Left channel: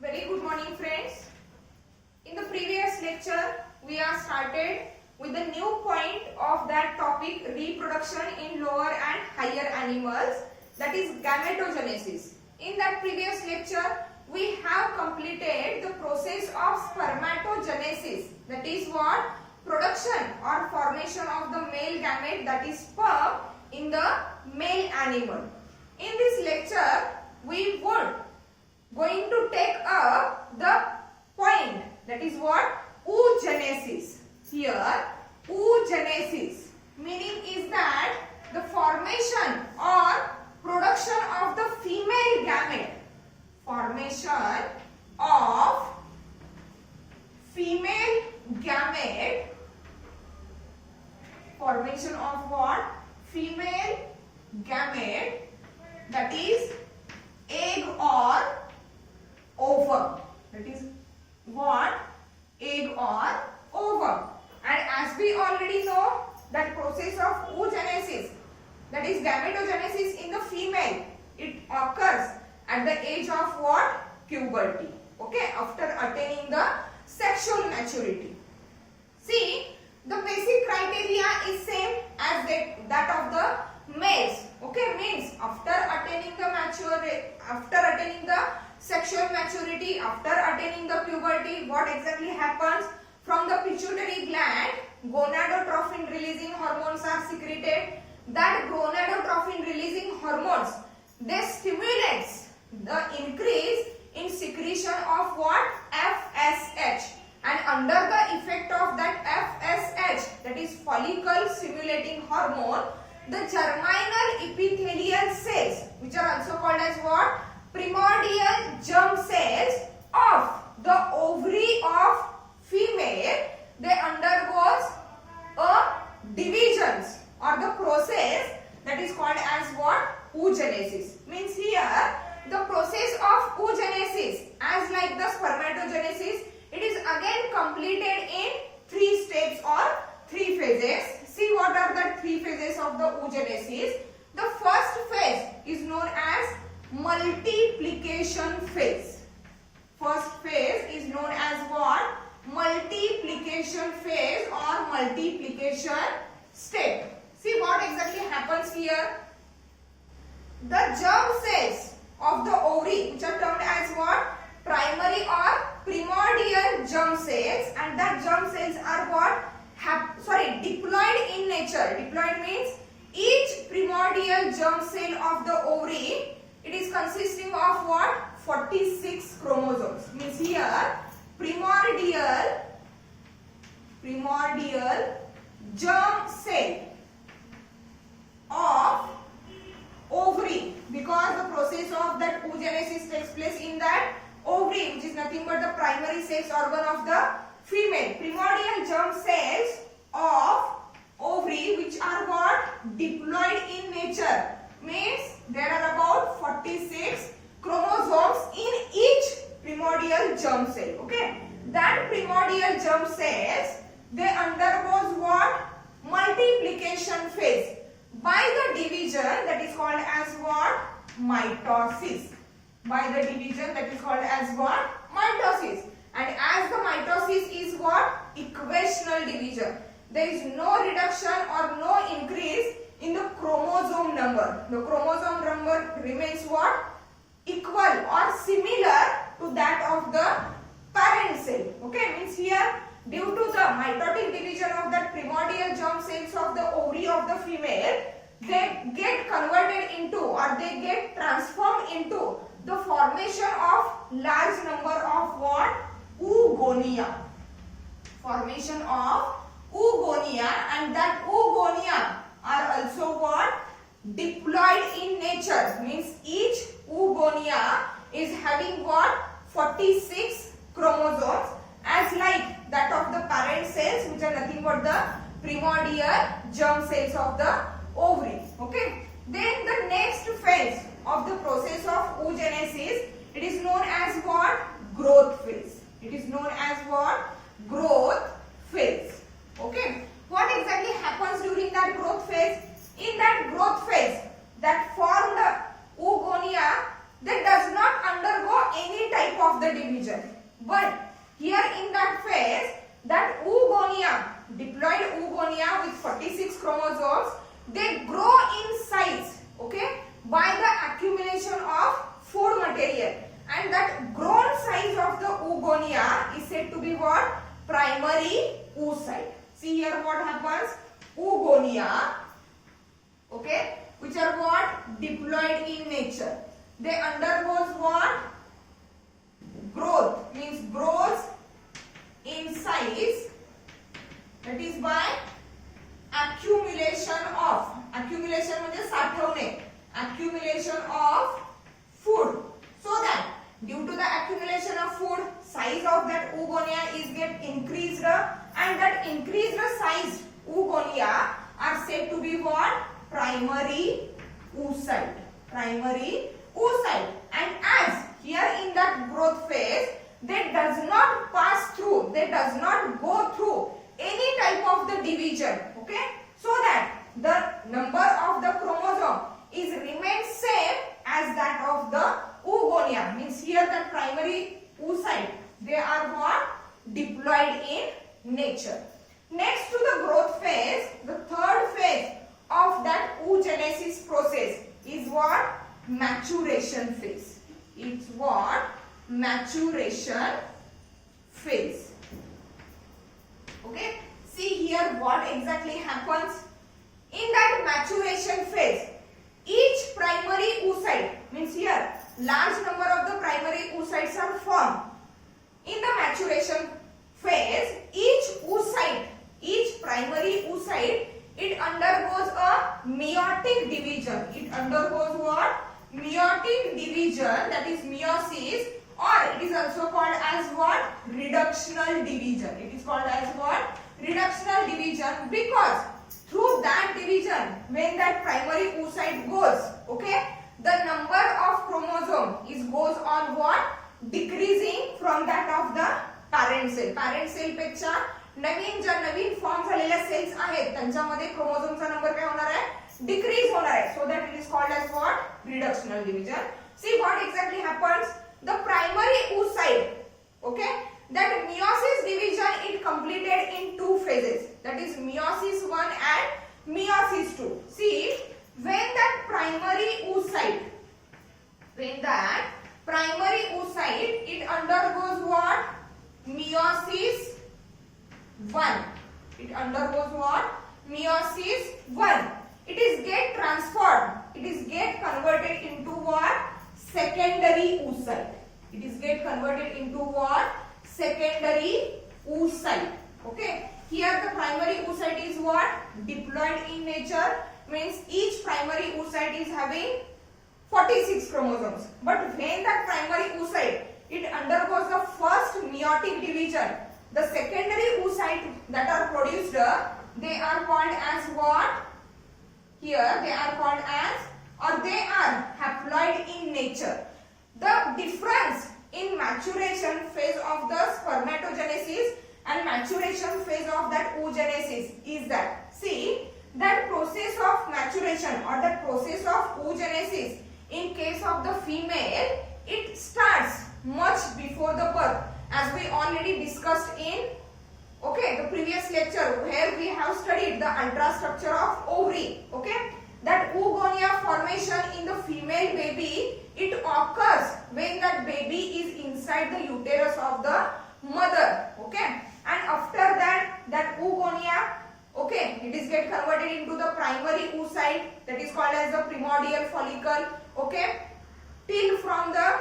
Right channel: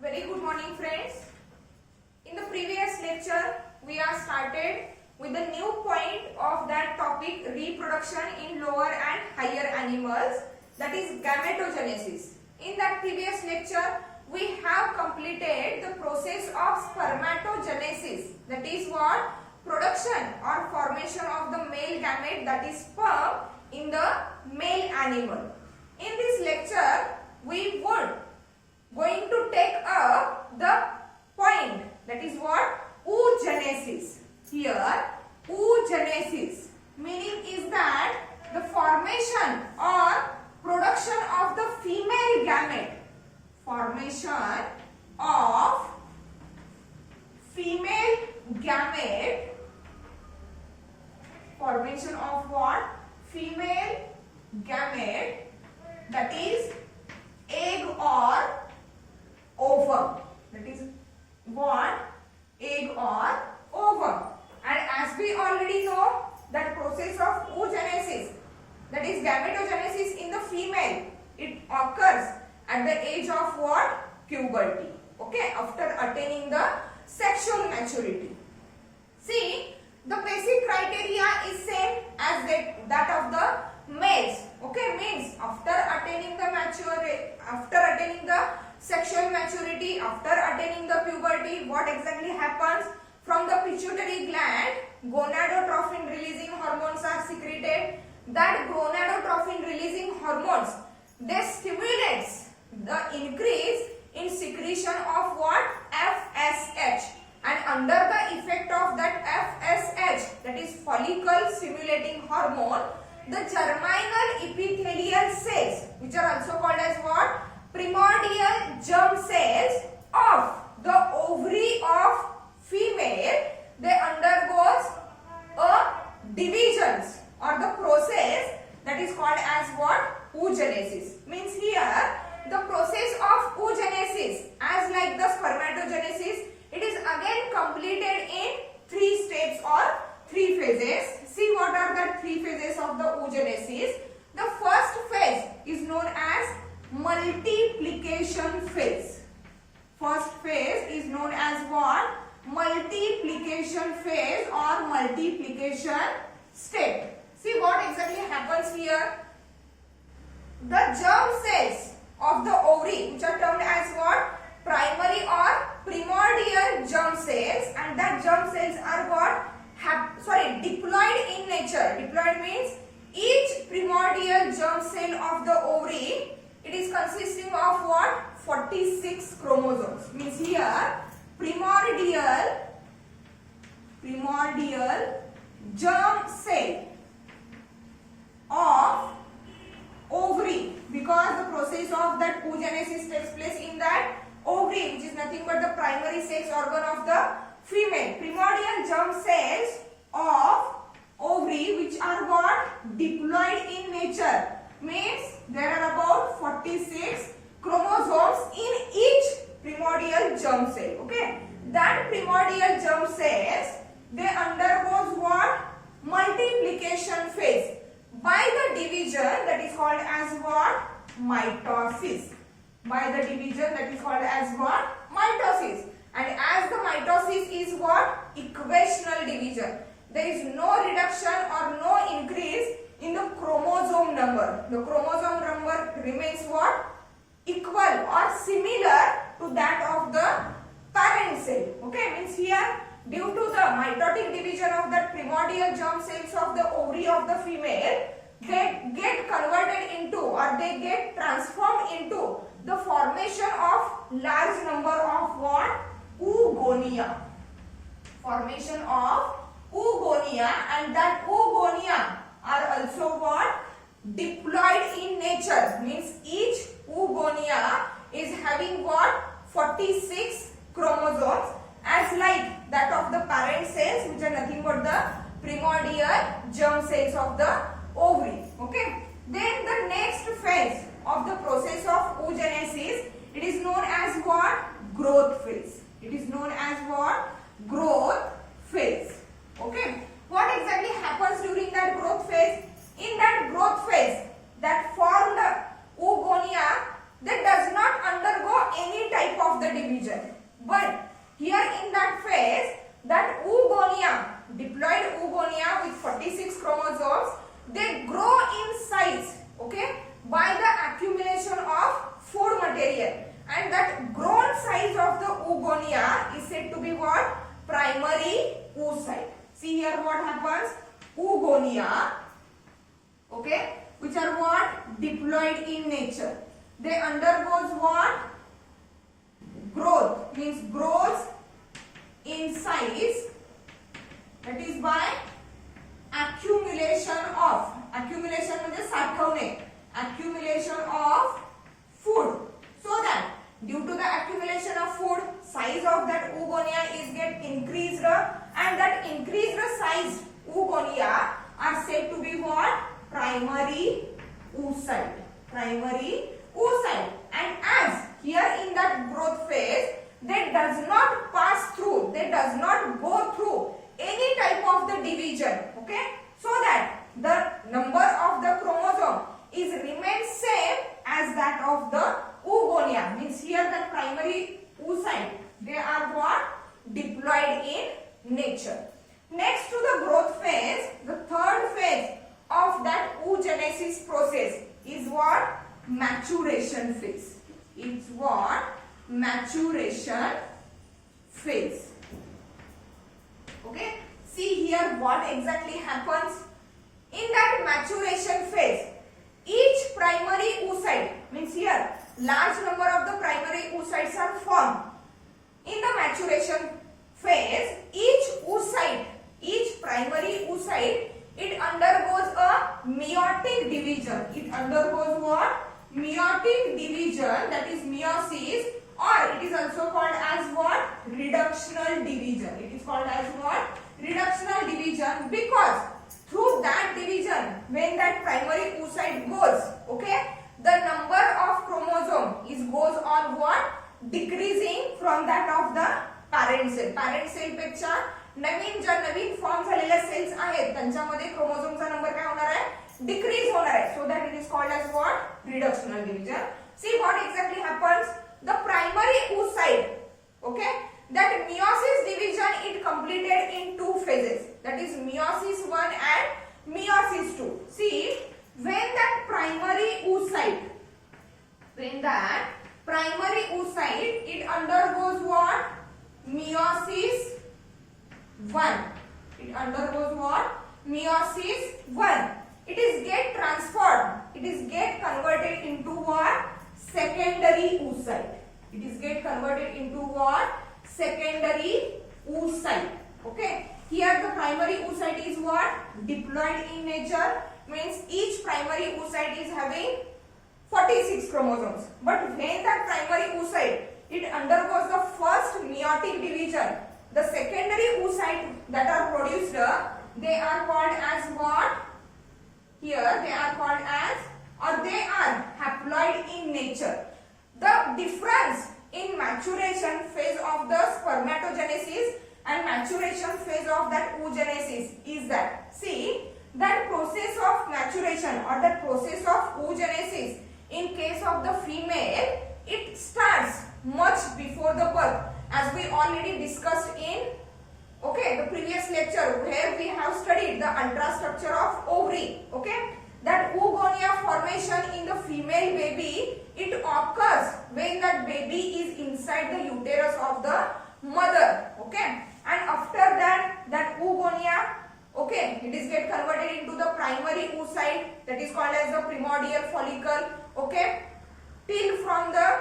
Very good morning friends. In the previous lecture we are started with the new point of that topic, reproduction in lower and higher animals, that is gametogenesis. In that previous lecture we have completed the process of spermatogenesis, that is what? Production or formation of the male gamete, that is sperm, in the male animal. In this lecture we would going to take up the point, that is what? Oogenesis. Here oogenesis meaning is that the formation or production of the female gamete. Formation of female gamete. Formation of what? Female gamete, that is egg or ovum. That is what? Egg or ovum. And as we already know that process of oogenesis, that is gametogenesis in the female, it occurs at the age of what? Puberty. Okay, after attaining the sexual maturity. See, the basic criteria is same as that of the males. Okay, means after attaining the sexual maturity, after attaining the puberty, what exactly happens? From the pituitary gland, gonadotrophin releasing hormones are secreted. That gonadotrophin releasing hormones, they stimulates the increase in secretion of what? FSH. And under the effect of that FSH, that is follicle stimulating hormone, the germinal epithelial cells, which are also called as what? Primordial germ cells of the ovary of female, they undergoes a divisions or the process that is called as what? Oogenesis. Means here the process of oogenesis, as like the spermatogenesis, it is again completed in 3 steps or 3 phases. See what are the 3 phases of the oogenesis. The first phase is known as multiplication phase. First phase is known as what? Multiplication phase or multiplication step. See what exactly happens here. The germ cells of the ovary, which are termed as what? Primary or primordial germ cells, and that germ cells are what? Diploid in nature. Diploid means each primordial germ cell of the ovary, it is consisting of what? 46 chromosomes. Means here primordial germ cell of ovary, because the process of that oogenesis takes place in that ovary, which is nothing but the primary sex organ of the female. Primordial germ cells of ovary, which are what? Diploid in nature, means there are about 46 chromosomes in each primordial germ cell. Okay, that primordial germ cells, they undergoes what? Multiplication phase by the division, that is called as what? Mitosis. By the division, that is called as what? Mitosis. And as the mitosis is what? Equational division. There is no reduction or no increase in the chromosome number. The chromosome number remains what? Equal or similar to that of the parent cell. Okay, means here due to the mitotic division of the primordial germ cells of the ovary of the female, they get converted into or they get transformed into the formation of large number of what? Oogonia. Formation of oogonia, and that oogonia are also what? Diploid in nature, means each oogonia is having what? 46 chromosomes, as like that of the parent cells, which are nothing but the primordial germ cells of the ovary. Okay, then the next phase of the process of oogenesis, it is known as what? Growth phase. It is known as what? Growth phase. Okay, what exactly happens during that growth phase? In that growth phase, that formed oogonia, that does not undergo any type of of the division. But here in that phase, that oogonia, diploid oogonia with 46 chromosomes, they grow in size, okay, by the accumulation of food material. And that grown size of the oogonia is said to be what? Primary oocyte. See here what happens? Oogonia, okay, which are what? Diploid in nature. They undergoes what? Growth, means grows in size, that is by accumulation of, accumulation म्हणजे साठवणे, accumulation of food. So that due to the accumulation of food, size of that oogonia is get increased, and that increased size oogonia are said to be what? Primary oocyte. Primary oocyte. And as here in that growth phase, they does not pass through, they does not go through any type of the division, okay, so that the number of the chromosome is remains same as that of the oogonia. Means here the primary oocyte, they are what? Diploid in nature. Next to the growth phase, the third phase of that oogenesis process is what? Maturation phase. It's what? Maturation phase. Okay, see here what exactly happens in that maturation phase. Each primary oocyte, means here large number of the primary oocytes are formed. In the maturation phase, each primary oocyte, it undergoes a meiotic division. It undergoes what? Meiotic division, that is meiosis, or it is also called as what? Reductional division. It is called as what? Reductional division, because through that division, when that primary oocyte goes, okay, the number of chromosome is goes on what? Decreasing from that of the parent cell. Parent cell पेक्षा नवीन form झालेल्या sales आहेत त्यांच्यामध्ये क्रोमोझोमचा number काय होणार आहे? Decrease होणार आहे. So that it is called as what? Reductional division. See what exactly happens? The primary oocyte, okay, that meiosis division it completed in two phases, that is meiosis 1 and meiosis 2. See, when that primary oocyte it undergoes what? Meiosis 1. It undergoes what? Meiosis 1. It is get transformed. It is get converted into what? Secondary oocyte. It is get converted into what? Secondary oocyte. Okay. Here the primary oocyte is what? Diploid in nature. Means each primary oocyte is having 46 chromosomes. But when that primary oocyte it undergoes the first meiotic division, the secondary oocyte that are produced, they are called as what? Here they are called as, or they are haploid in nature. The difference in maturation phase of the spermatogenesis and maturation phase of that oogenesis is that, see, that process of maturation or that process of oogenesis in case of the female, it starts much before the birth, as we already discussed in the previous lecture where we have studied the ultrastructure of ovary. Okay, that oogonia formation in the female baby, it occurs when that baby is inside the uterus of the mother. Okay, and after that oogonia, it is get converted into the primary oocyte, that is called as the primordial follicle. Okay, till from the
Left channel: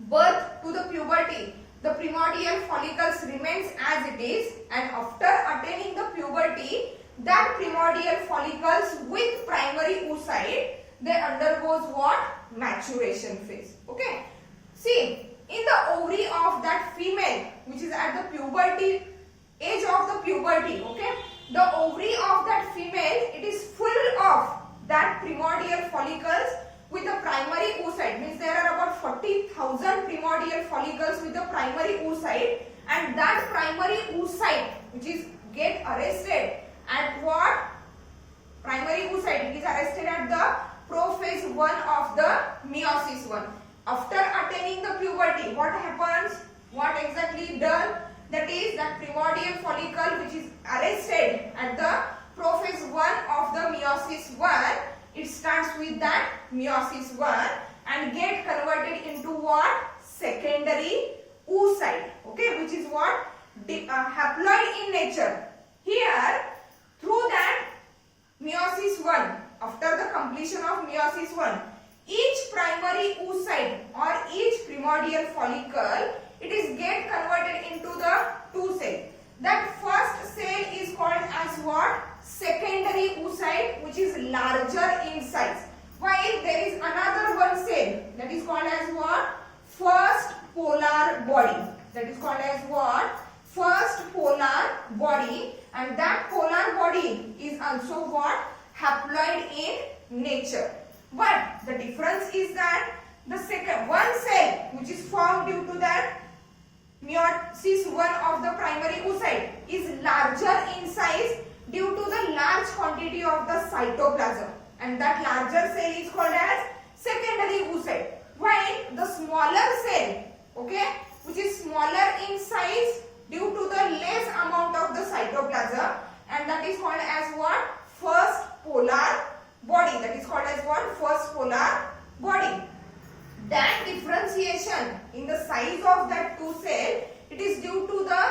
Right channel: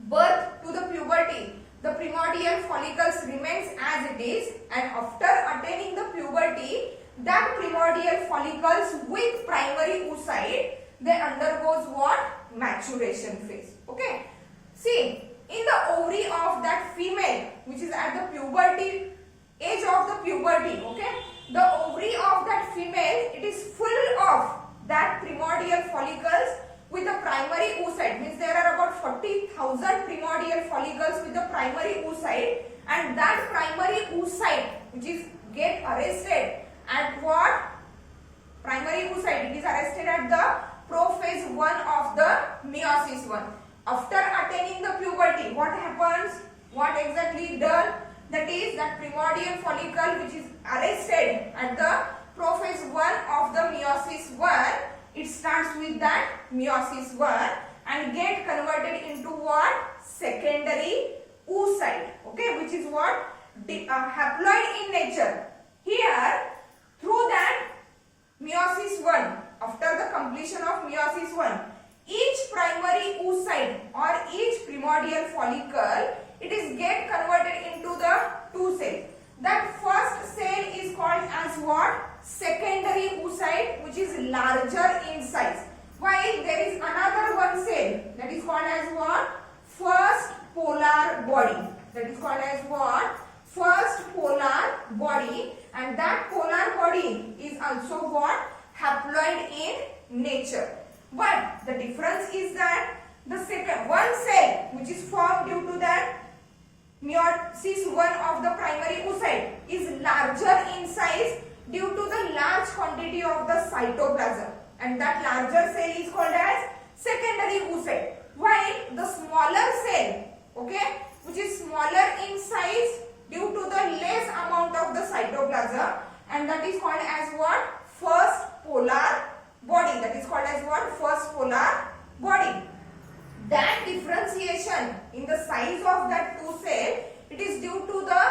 birth to the puberty, the primordial follicles remains as it is, and after attaining the puberty, that primordial follicles with primary oocyte, they undergoes what? Maturation phase. Okay, see, in the ovary of that female, which is at the puberty, age of the puberty, the ovary of that female, it is full of that primordial follicles with the primary oocyte. Means there are about 40,000 primordial follicles with the primary oocyte, and that primary oocyte which is get arrested at what? Primary oocyte, it is arrested at the prophase 1 of the meiosis 1. after attaining the puberty, what happens? What exactly done? That is that primordial follicle which is arrested at the prophase 1 of the meiosis 1, it starts with that meiosis 1 and get converted into what? Secondary oocyte, okay, which is what? Haploid in nature. Here, through that meiosis 1, after the completion of meiosis 1, each primary oocyte or each primordial follicle, it is get converted into the two cell. That first cell is called as what? Secondary oocyte, which is larger in size. While there is another one cell that is called as what? First polar body. That is called as what? First polar body, and that polar body is also what? Haploid in nature. But the difference is that the second one cell which is formed due to that meiosis 1 of the primary oocyte is larger in size due to the large quantity of the cytoplasm, and that larger cell is called as secondary oocyte. While the smaller cell, okay, which is smaller in size due to the less amount of the cytoplasm, and that is called as what? First polar body. That is called as what? First polar body. That differentiation in the size of that two cell, it is due to the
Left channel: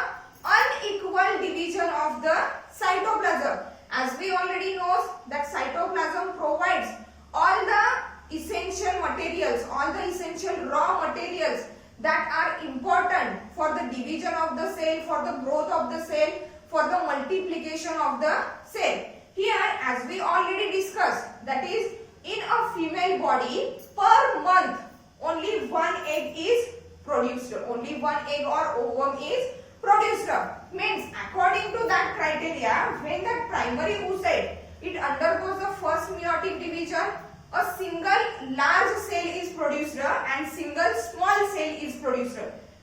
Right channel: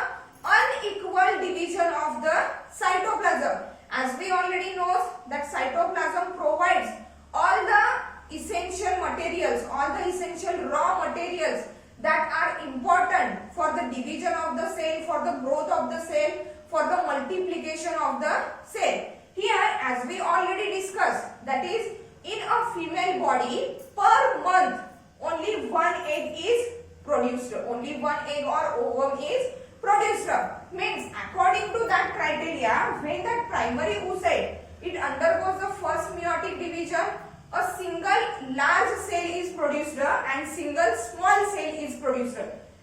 unequal division of the cytoplasm. As we already know that cytoplasm provides all the essential materials, all the essential raw materials that are important for the division of the cell, for the growth of the cell, for the multiplication of the cell. Here, as we already discussed, that is in a female body per month only one egg is produced, only one egg or ovum is produced. Means according to that criteria, when that primary oocyte it undergoes the first meiotic division, a single large cell is produced and single small cell is produced.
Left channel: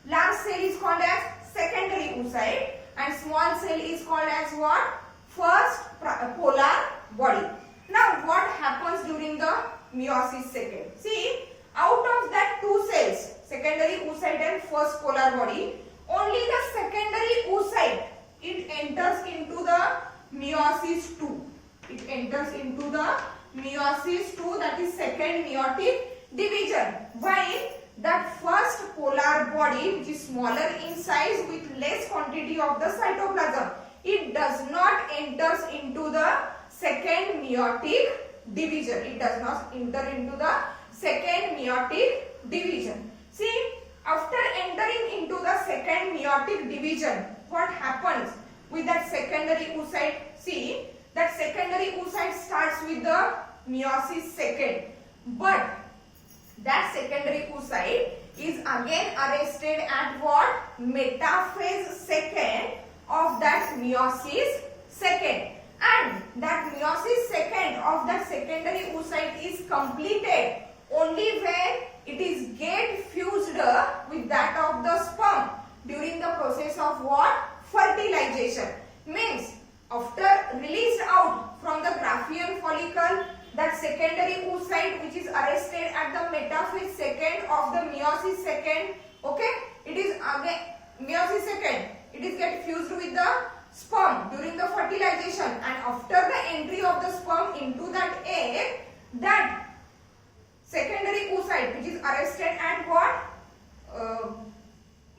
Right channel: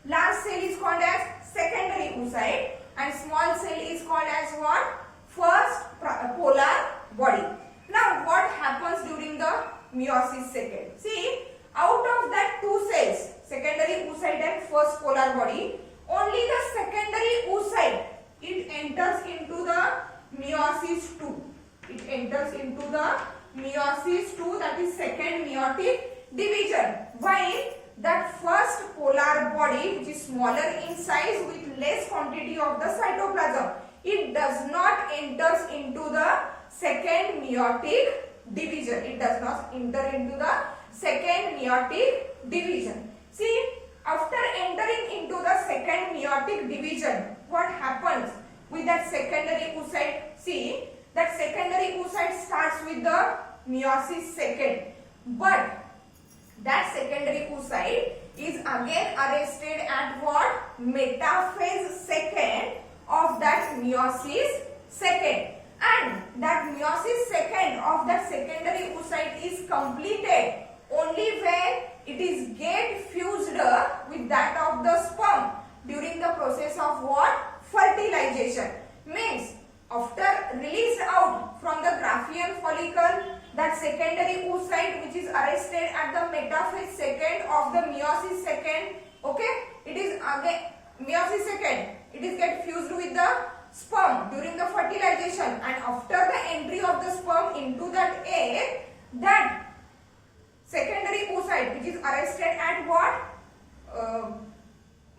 Large cell is called as secondary oocyte and small cell is called as what? First polar body. Now what happens during the meiosis second? See, out of that two cells, secondary oocyte and first polar body, only the secondary oocyte it enters into the meiosis 2. It enters into the meiosis 2, that is second meiotic division. While that first polar body, which is smaller in size with less quantity of the cytoplasm, it does not enters into the second meiotic division. It does not enter into the second meiotic division. See, after entering into the second meiotic division, what happens with that secondary oocyte? See, that secondary oocyte starts with the meiosis second, but that secondary oocyte is again arrested at what? Metaphase second of that meiosis second, and that meiosis second of that secondary oocyte is completed only when it is get fused with that of the sperm during the process of what? Fertilization. Means after released out from the Graafian follicle, that secondary oocyte which is arrested at the metaphase second of the meiosis second, okay, it is again meiosis second, it is get fused with the sperm during the fertilization, and after the entry of the sperm into that egg, that secondary oocyte which is arrested at what?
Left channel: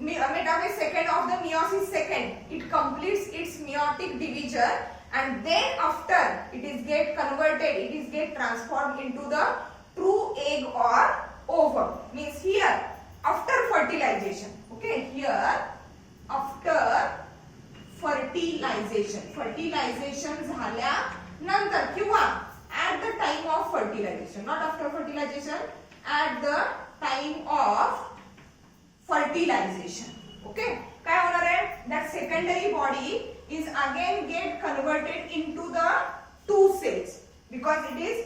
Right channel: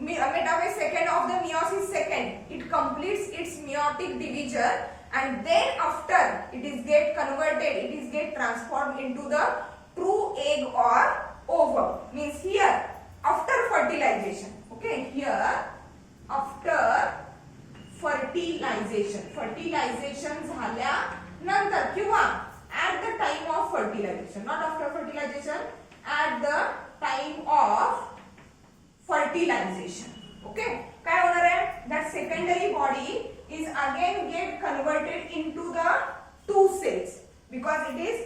Metaphase second of the meiosis second, it completes its meiotic division, and then after it is get converted, it is get transformed into the true egg or ovum. Means here after fertilization, okay, here after fertilization झाल्यानंतर किंवा at the time of fertilization, not after fertilization, at the time of fertilization, okay, काय होणार आहे? That secondary body is again get converted into the two cells because it is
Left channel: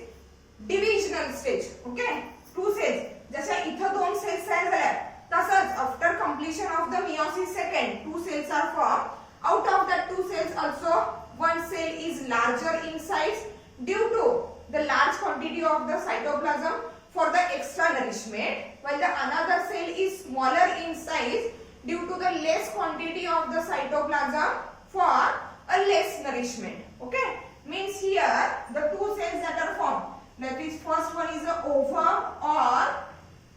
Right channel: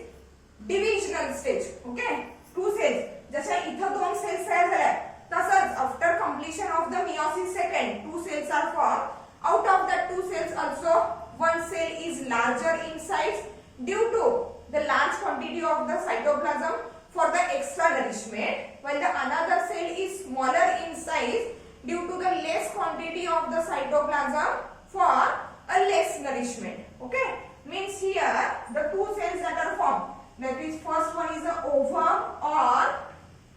divisional stage, okay, two cells. जशा इथं दोन cells तयार झाल्या तसंच after completion of the meiosis second, two cells are formed. Out of that two cells also one cell is larger in size due to the large quantity of the cytoplasm for the extra nourishment, while the another cell is smaller in size due to the less quantity of the cytoplasm for a less nourishment. Okay, means here the two cells that are formed, that is first one is a ovum or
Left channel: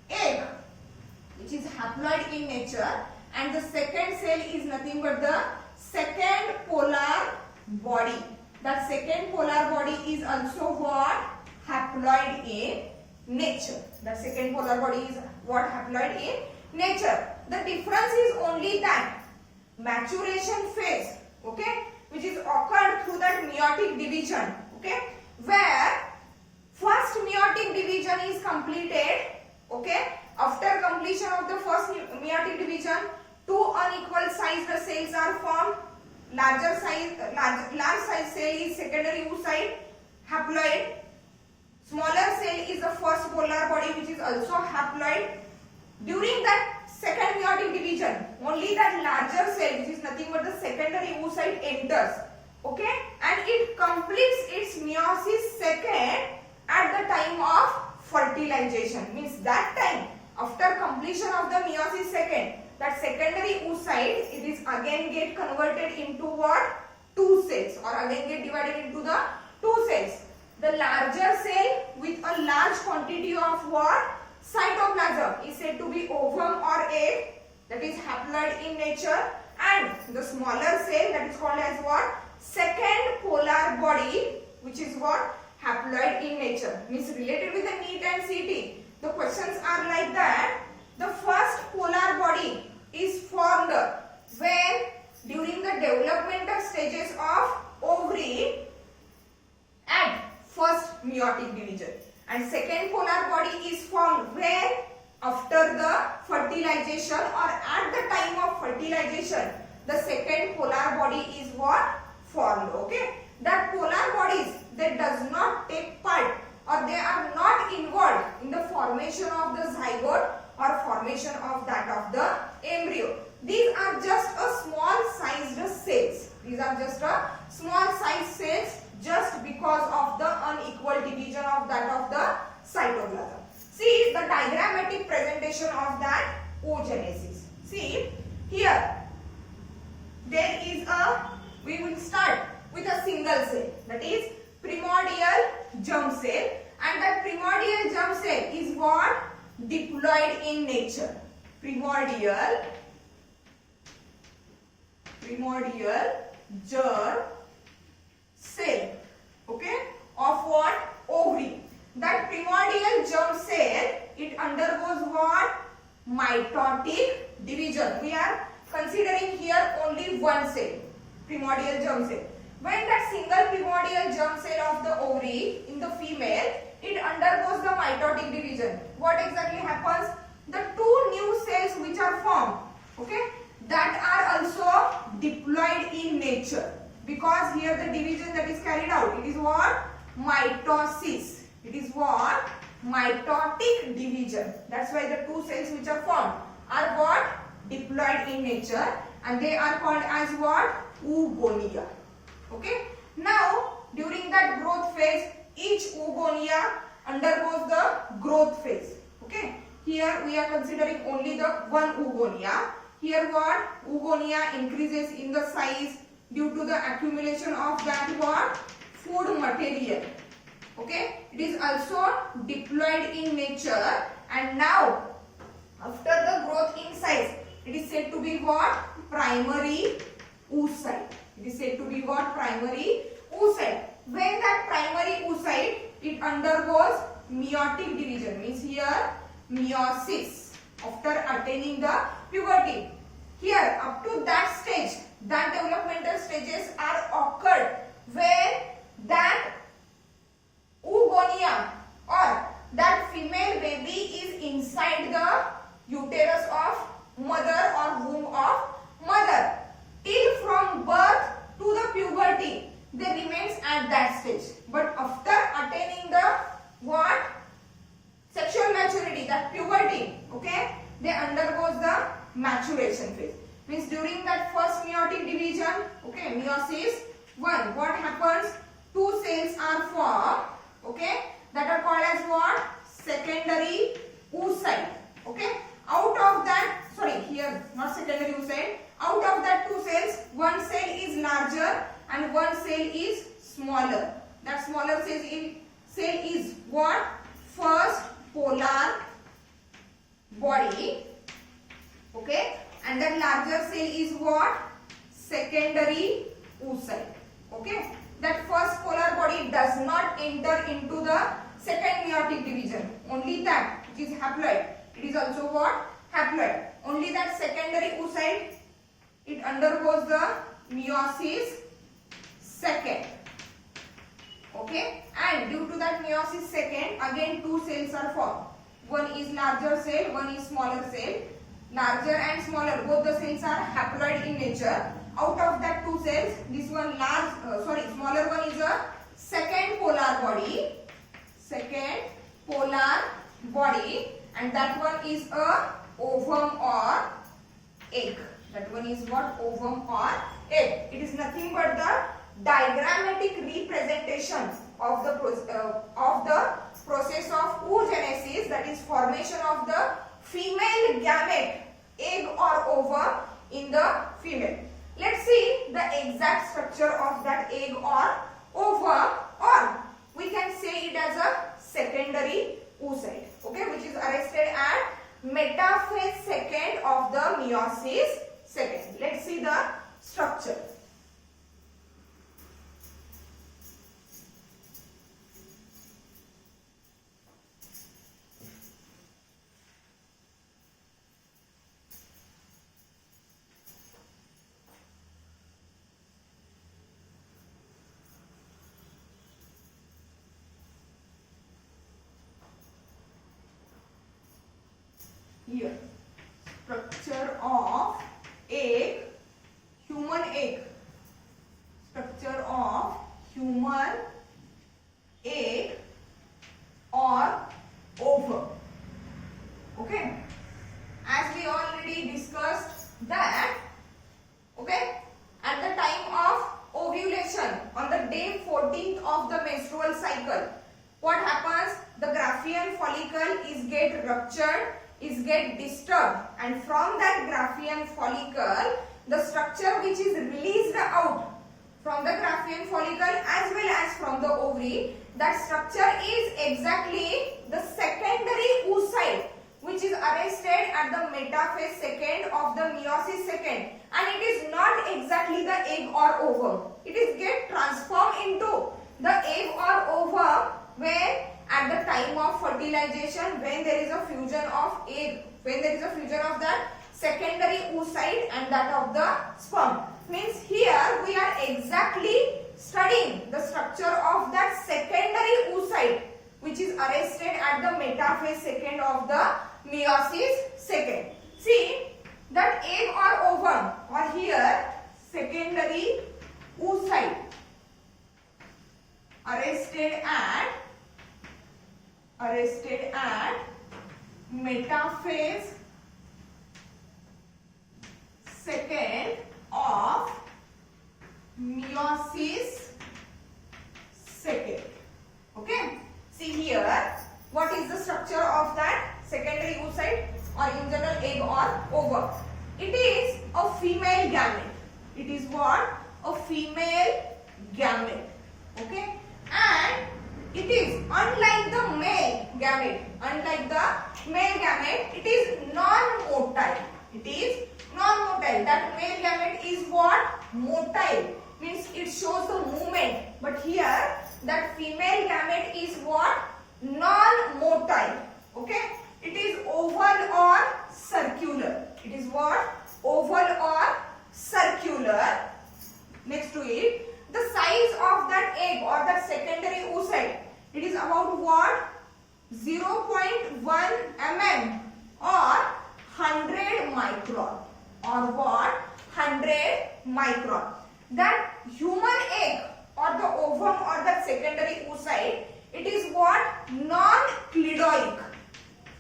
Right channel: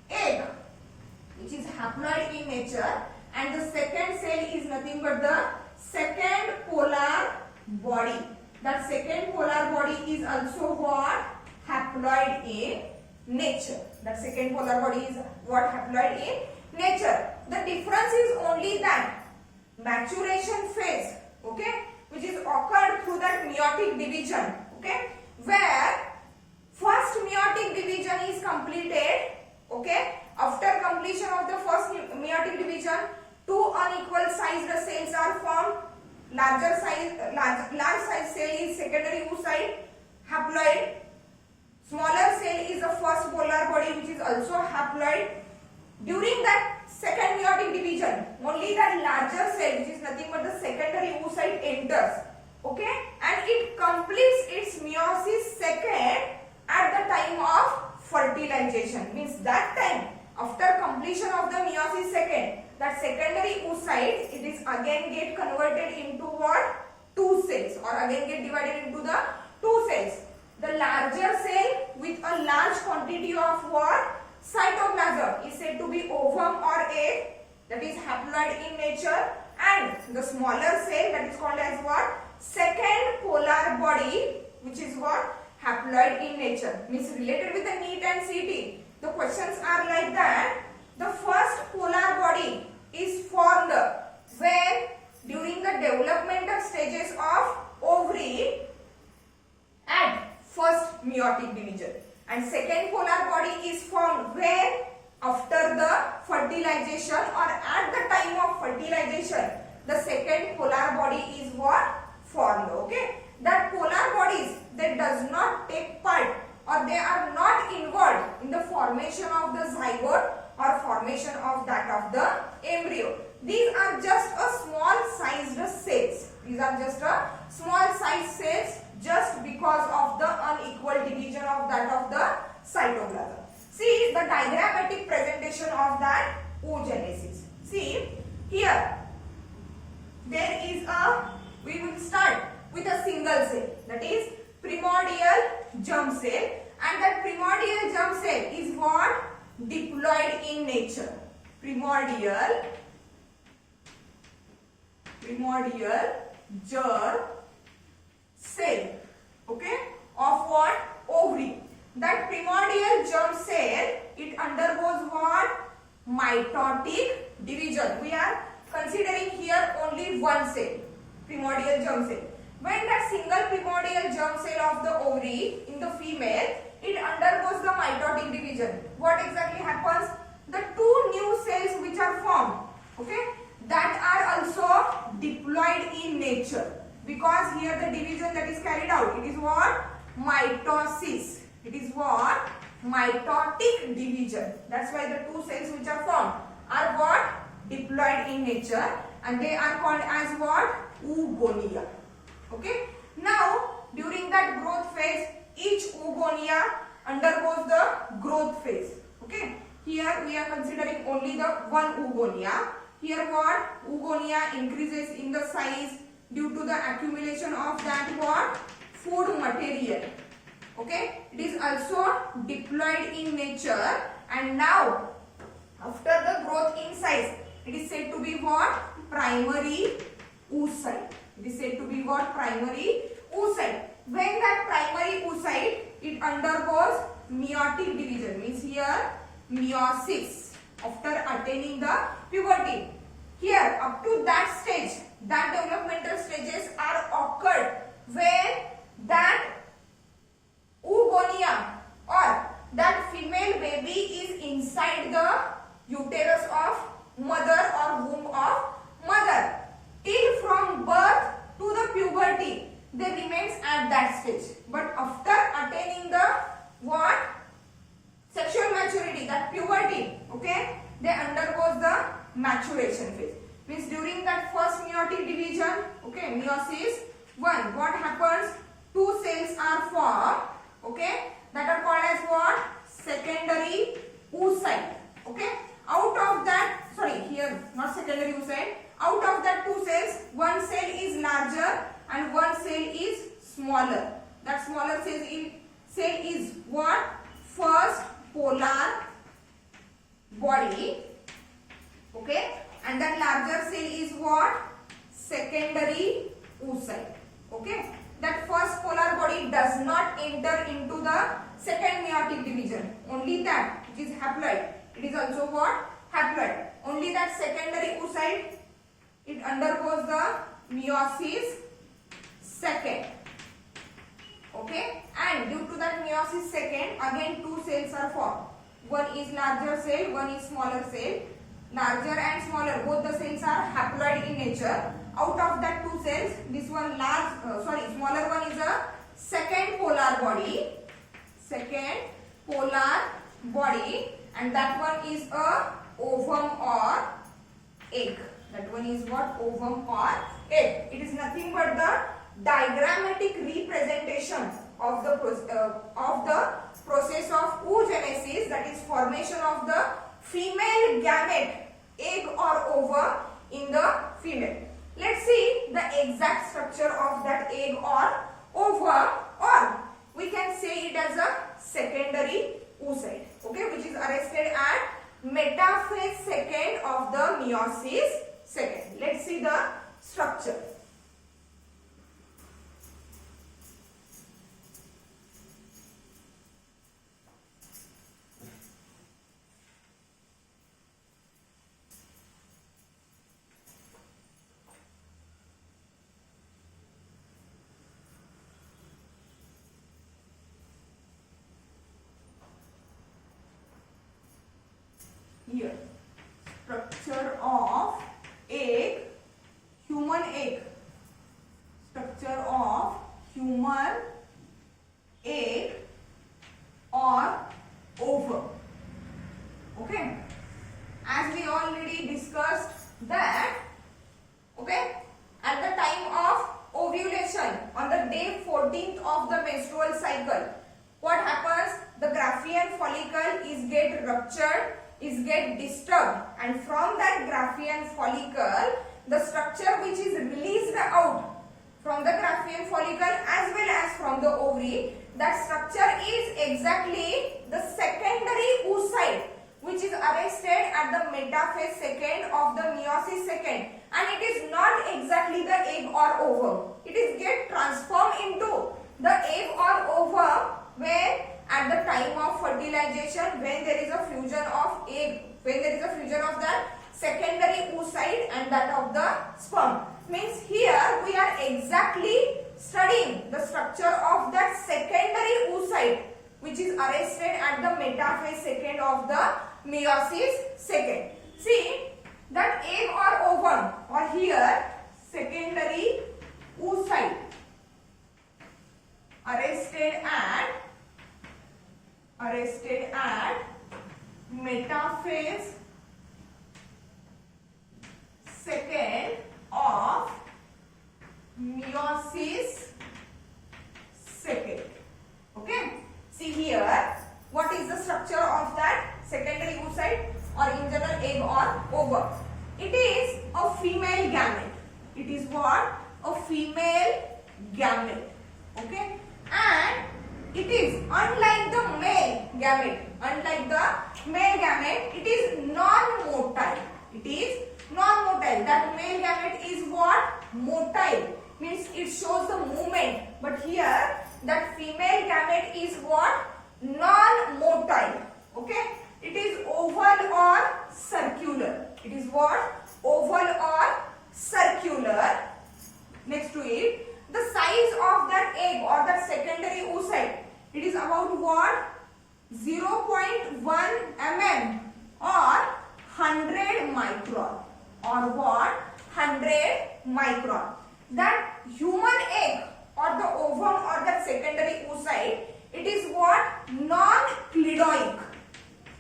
egg which is haploid in nature, and the second cell is nothing but the second polar body. That second polar body is also what? Haploid in nature. That second polar body is what? Haploid in nature. The difference is only that maturation phase, okay, which is occurred through that meiotic division, okay, where first meiotic division is completed, okay. After completion of the first meiotic division, two unequal sized cells are formed. Large size cell is secondary oocyte, haploid. Smaller cell is the first polar body which is also haploid. During that second meiotic division, only that larger cell which is nothing but the secondary oocyte enters, okay, and it completes its meiosis second at the time of fertilization. Means that time, after completion of the meiosis second, that secondary oocyte, it is again get converted into what? Two cells, or again get divided into the two cells. The larger cell with a large quantity of what? Cytoplasm is said to be ovum or egg, that is haploid in nature, and the smaller cell, that is called as what? Second polar body, which is what? Haploid in nature. Means related with the NEET and CET, the questions are like that. The first polar body is formed when during the developmental stages of ovary at first meiotic division, and second polar body is formed when after the fertilization or at the time of fertilization the second polar body is what? Formed, okay. That polar bodies, they does not take part or they are not involved in the formation of the zygote or formation of that of the embryo. These are just a small sized cells. These are just a small sized cells just because of the unequal division of that of the cytoplasm. See the diagrammatic presentation of that oogenesis. See here, there is a, we will start with a single cell, that is primordial germ cell, and that primordial germ cell is what? Diploid in nature. Primordial germ cell, okay, of what? Ovary. That primordial germ cell, it undergoes what? Mitotic division. We are considering here only one cell, primordial germ cell. When that single primordial germ cell of the ovary in the female, it undergoes the mitotic division. What exactly happens? The two new cells which are formed, okay, that are also diploid in nature, because here the division that is carried out, it is what? Mitosis. It is what? Mitotic division. That's why the two cells which are formed are what? Diploid in nature, and they are called as what? Oogonia. Okay. Now during that growth phase, each oogonia undergoes the growth phase. Okay. Here we are considering only the one oogonia. Here what? Oogonia increases in the size due to the accumulation of that what? Food material. Okay. It is also diploid in nature, and now after the growth in size, it is said to be what? Primary oocyte. It is said to be what? Primary oocyte. When that primary oocyte, it undergoes meiotic division, means here meiosis, after attaining the puberty. Here up to that stage, that developmental stages are occurred when that oogonia or that female baby is inside the uterus of mother or womb of mother. Till from birth to the puberty, they remains at that stage. But after attaining the what? Sexual maturity, that puberty, okay, they undergoes the maturation phase. Means during that first meiotic division, okay, meiosis 1, what happens? Two cells are formed, okay, that are called as what? Secondary oocyte, Okay, out of that, sorry, here not secondary oocyte, out of that two cells, one cell is larger and one cell is smaller. That smaller cell is what? First polar body. Okay, and that larger cell is what? Secondary oocyte. Okay, that first polar body does not enter into the second meiotic division. Only that which is haploid, it is also what? Haploid. Only that secondary oocyte, it undergoes the meiosis second. Okay, and due to that meiosis second, again two cells are formed. One is larger cell, one is smaller cell. Larger and smaller, both the cells are haploid in nature. Out of that two cells, this one smaller one is a second polar body. Second polar body, and that one is a ovum or egg. That one is what? Ovum or egg. It is nothing but the diagrammatic representation of the process of oogenesis, that is formation of the female gamete, egg or ovum in the female. Let's see the exact structure of that egg or ovum, or we can say it as a secondary oocyte, okay, which is arrested at metaphase second of the meiosis second. Let's see the structure. Here, structure of egg, human egg. Structure of human egg or ovum. Okay, as we already discussed that, okay, at the time of ovulation, on the day 14th of the menstrual cycle, what happens? The Graafian follicle is get ruptured, is get disturbed, and from that Graafian follicle, the structure which is released out from the Graafian follicle as well as from the ovary, that structure is exactly the secondary oocyte, which is arrested at the metaphase second of the meiosis second, and it is not exactly the egg or ovum. It is get transformed into the egg or ovum when at the time of fertilization, when there is a fusion of egg, when there is a fusion of that secondary oocyte and that of the sperm. Means here we are exactly studying the structure of that secondary oocyte, which is arrested at the metaphase second of the meiosis second. See that egg or ovum, or here secondary oocyte arrested at metaphase second of meiosis second. Okay, see here what is the structure of that secondary oocyte, or in general egg or ovum. It is a female gamete. It is what? A female gamete. Okay, and it is unlike the male gamete. Unlike the male gamete, it is non-motile. It is non-motile. That male gamete is what? Motile. Means it shows the movement. But here, that female gamete is what? Non-motile. Okay. It is oval or circular. It is what? Oval or circular. Next to it, the size of that egg or that secondary oocyte, it is about what? 0.1 mm or 100 micron, or what? 100 micron. That human egg or the ovum or that secondary oocyte, it is what? Non-clidoic.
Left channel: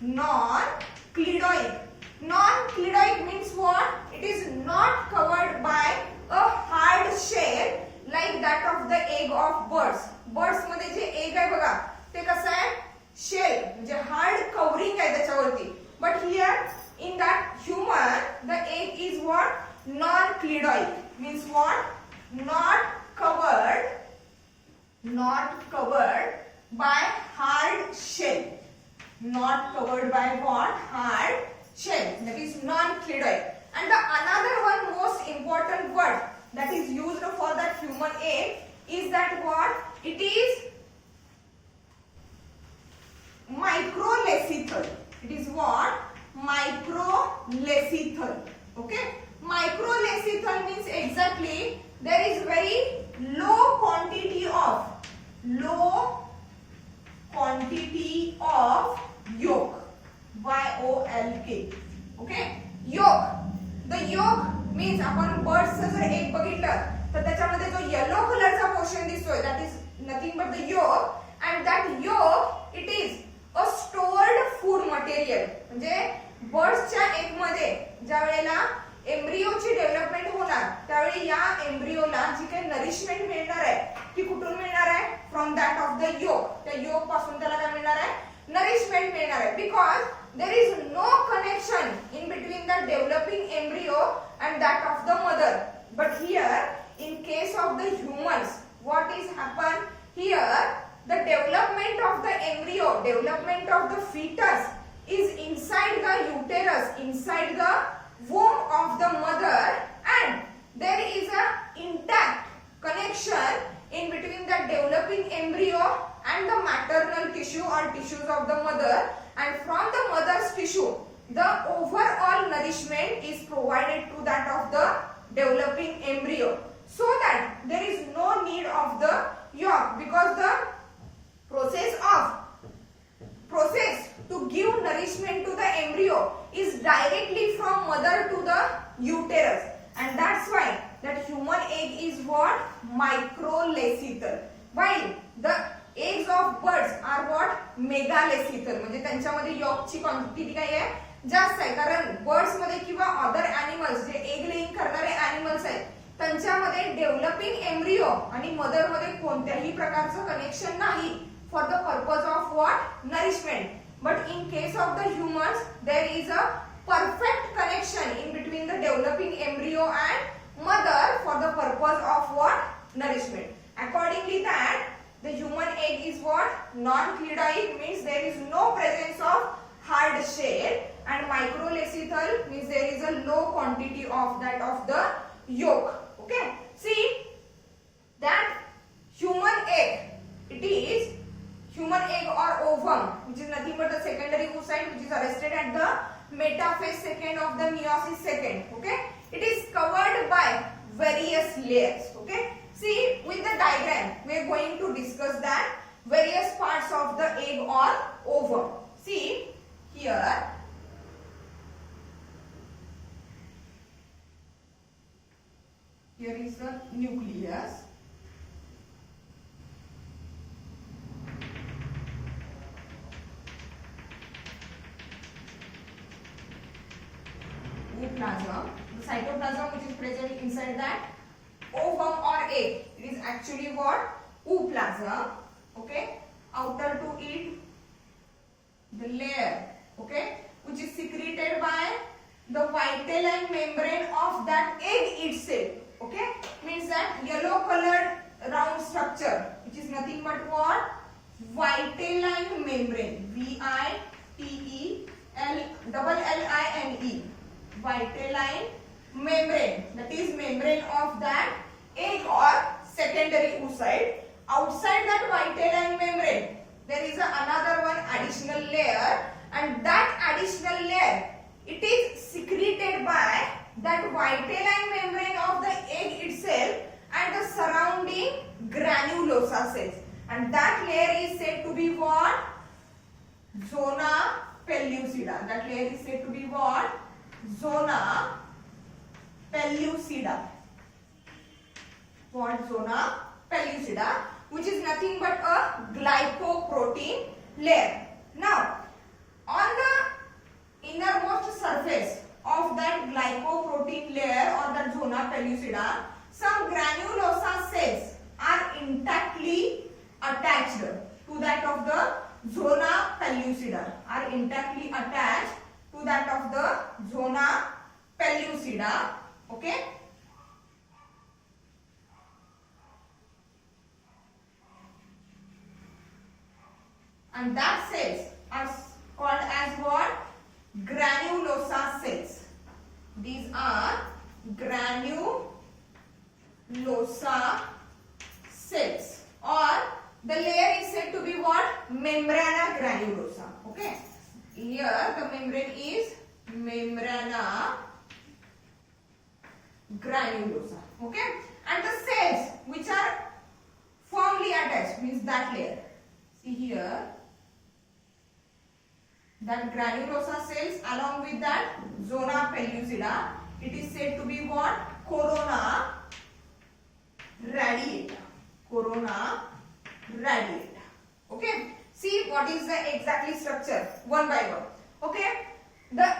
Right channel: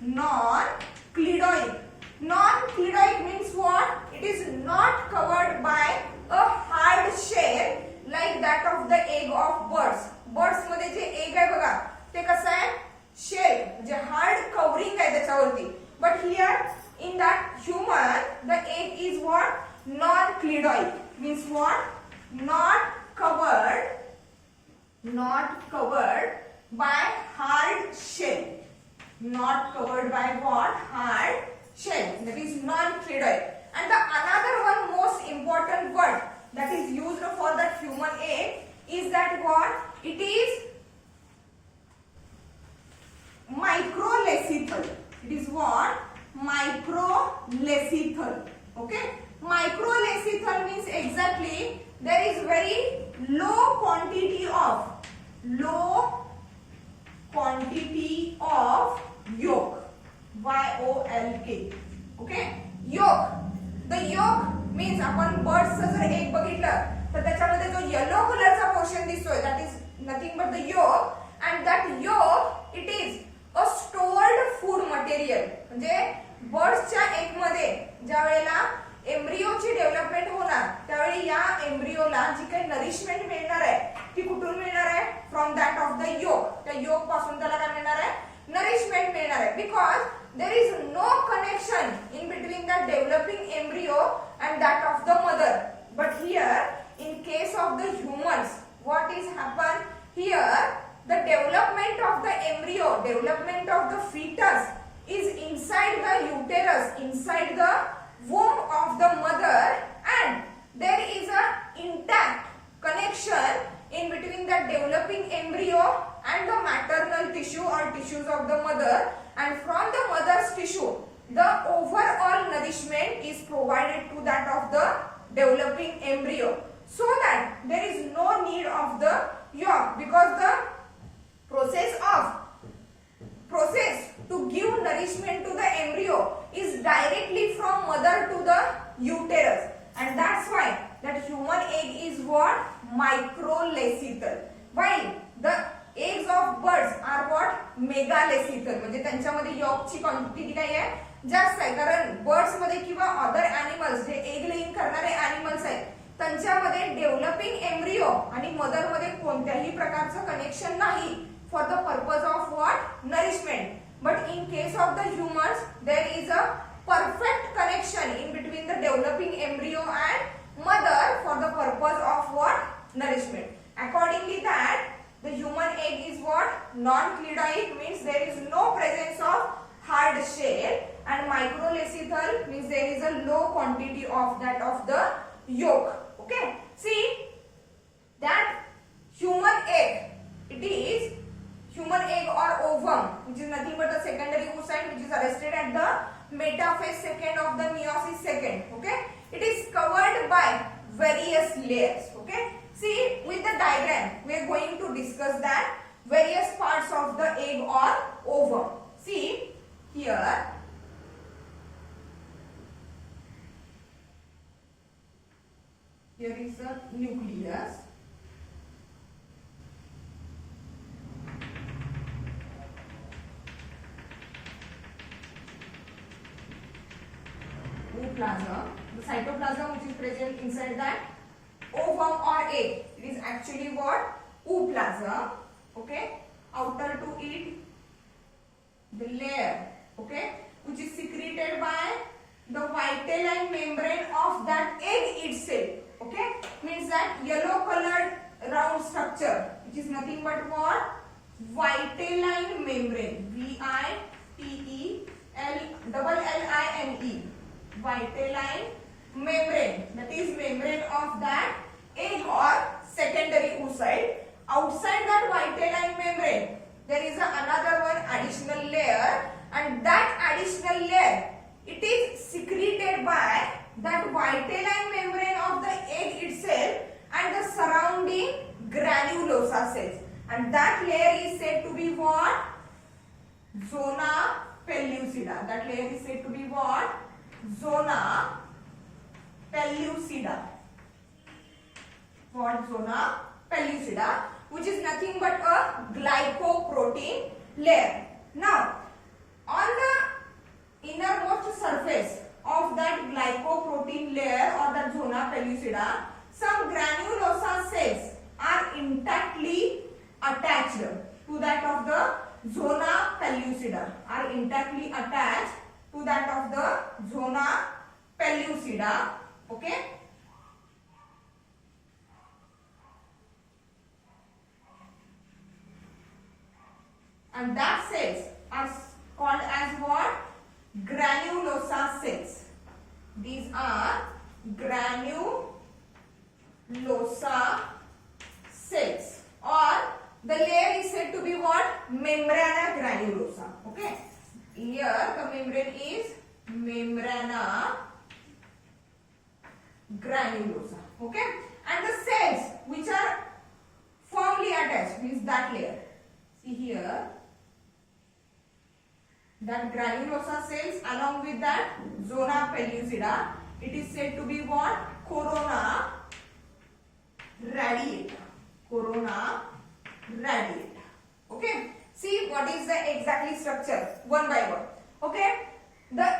Non-clidoic. Non-clidoic means what? It is not covered by a hard shell like that of the egg of birds. Birds मध्ये जे egg आहे बघा, ते कसं आहे? Shell म्हणजे hard covering आहे त्याच्यावरती. But here is what? Non-cladoid. Means what? Not covered by hard shell. Not covered by what? Hard shell. That is non-cladoid. And the another one most important word that is used for that human egg is that what? It is microlethal. It is what? Microlethal. Okay? Microlethal means exactly there is very low quantity of yolk. YOLK. Okay? Yolk. The yolk means आपण बर्ड्सचं जर egg बघितलं तर त्याच्यामध्ये जो yellow कलरचा portion दिसतोय that is nothing but the yolk, and that yolk it is a stored food material. म्हणजे बर्ड्सच्या egg मध्ये ज्या वेळेला एम्ब्रियोची डेव्हलपमेंट होणार त्यावेळी या एम्ब्रियोला जी काही नरिशमेंट मिळणार आहे ती कुठून मिळणार आहे? फ्रॉम दॅट ऑफ द योक. त्या योक पासून त्याला काय मिळणार आहे? नरिशमेंट मिळणार आहे. Because there is no connection in between the developing embryo and that of the mother. But here in case of the humans, what is happen here? The development of the embryo, development of the fetus is inside the uterus, inside the womb of the mother, and there is a intact connection in between the developing embryo and the maternal tissue or tissues of the mother, and from the mother's tissue the overall nourishment is provided to that of the developing embryo, so that there is no need of the yolk, because the process to give nourishment to the embryo is directly from mother to the uterus, and that's why that human egg is what? Microlethal, while the eggs of birds are what? Megalethal. म्हणजे त्यांच्यामध्ये यॉर्कची quantity काय आहे? जास्त आहे. कारण birds मध्ये किंवा other animals जे egg laying करणारे एनिमल्स आहेत त्यांच्यामध्ये डेव्हलपिंग एम्ब्रियो आणि मदर मध्ये कोणत्याही प्रकारचं कनेक्शन नाही for the purpose of what? Nourishment. But in case of the humans there is a perfect connection in between the developing embryo and mother for the purpose of what? Nourishment. Accordingly that the human egg is what? Non-cladoid, means there is no presence of hard shell, and microlethal means there is a low quantity of that of the yolk. Okay? See that human egg, it is human egg or ovum, which is nothing but the secondary oocyte which is arrested at the metaphase second of the meiosis second. Okay? It is covered by various layers. Okay? See with the diagram we are going to discuss that various parts of the egg or ovum. See here is the nucleus. Ooplasm, the cytoplasm which is present inside that ovum or egg, it is actually what? Ooplasm. Okay, outer to it the layer, okay, which is secreted by the vitelline membrane of that egg itself. Okay, means that yellow colored round structure which is nothing but what? Vitelline membrane. VITELLINE. Vitelline membrane, that is membrane of that egg or secondary oocyte. Outside that vitelline membrane there is another one additional layer, and that additional layer it is secreted by that vitelline membrane of the egg itself and the surrounding granulosa cells, and that layer is said to be what? Zona pellucida. That layer is said to be what? Zona pellucida. What? Zona pellucida, which is nothing but a glycoprotein layer. Now on the innermost surface of that glycoprotein layer or that zona pellucida, some granulosa cells are intactly attached to that of the zona pellucida, are intactly attached to that of the zona pellucida. Okay. And that cells are called as what? Granulosa cells. These are granulosa cells, or the layer is said to be what? Membrana granulosa. Okay. Here the membrane is membrana granulosa. Okay. And the cells which are firmly attached means that layer. See here, that granulosa cells along with that zona pellucida, it is said to be what? Corona radiata. Corona radiata. Okay. See what is the exactly structure one by one. Okay. The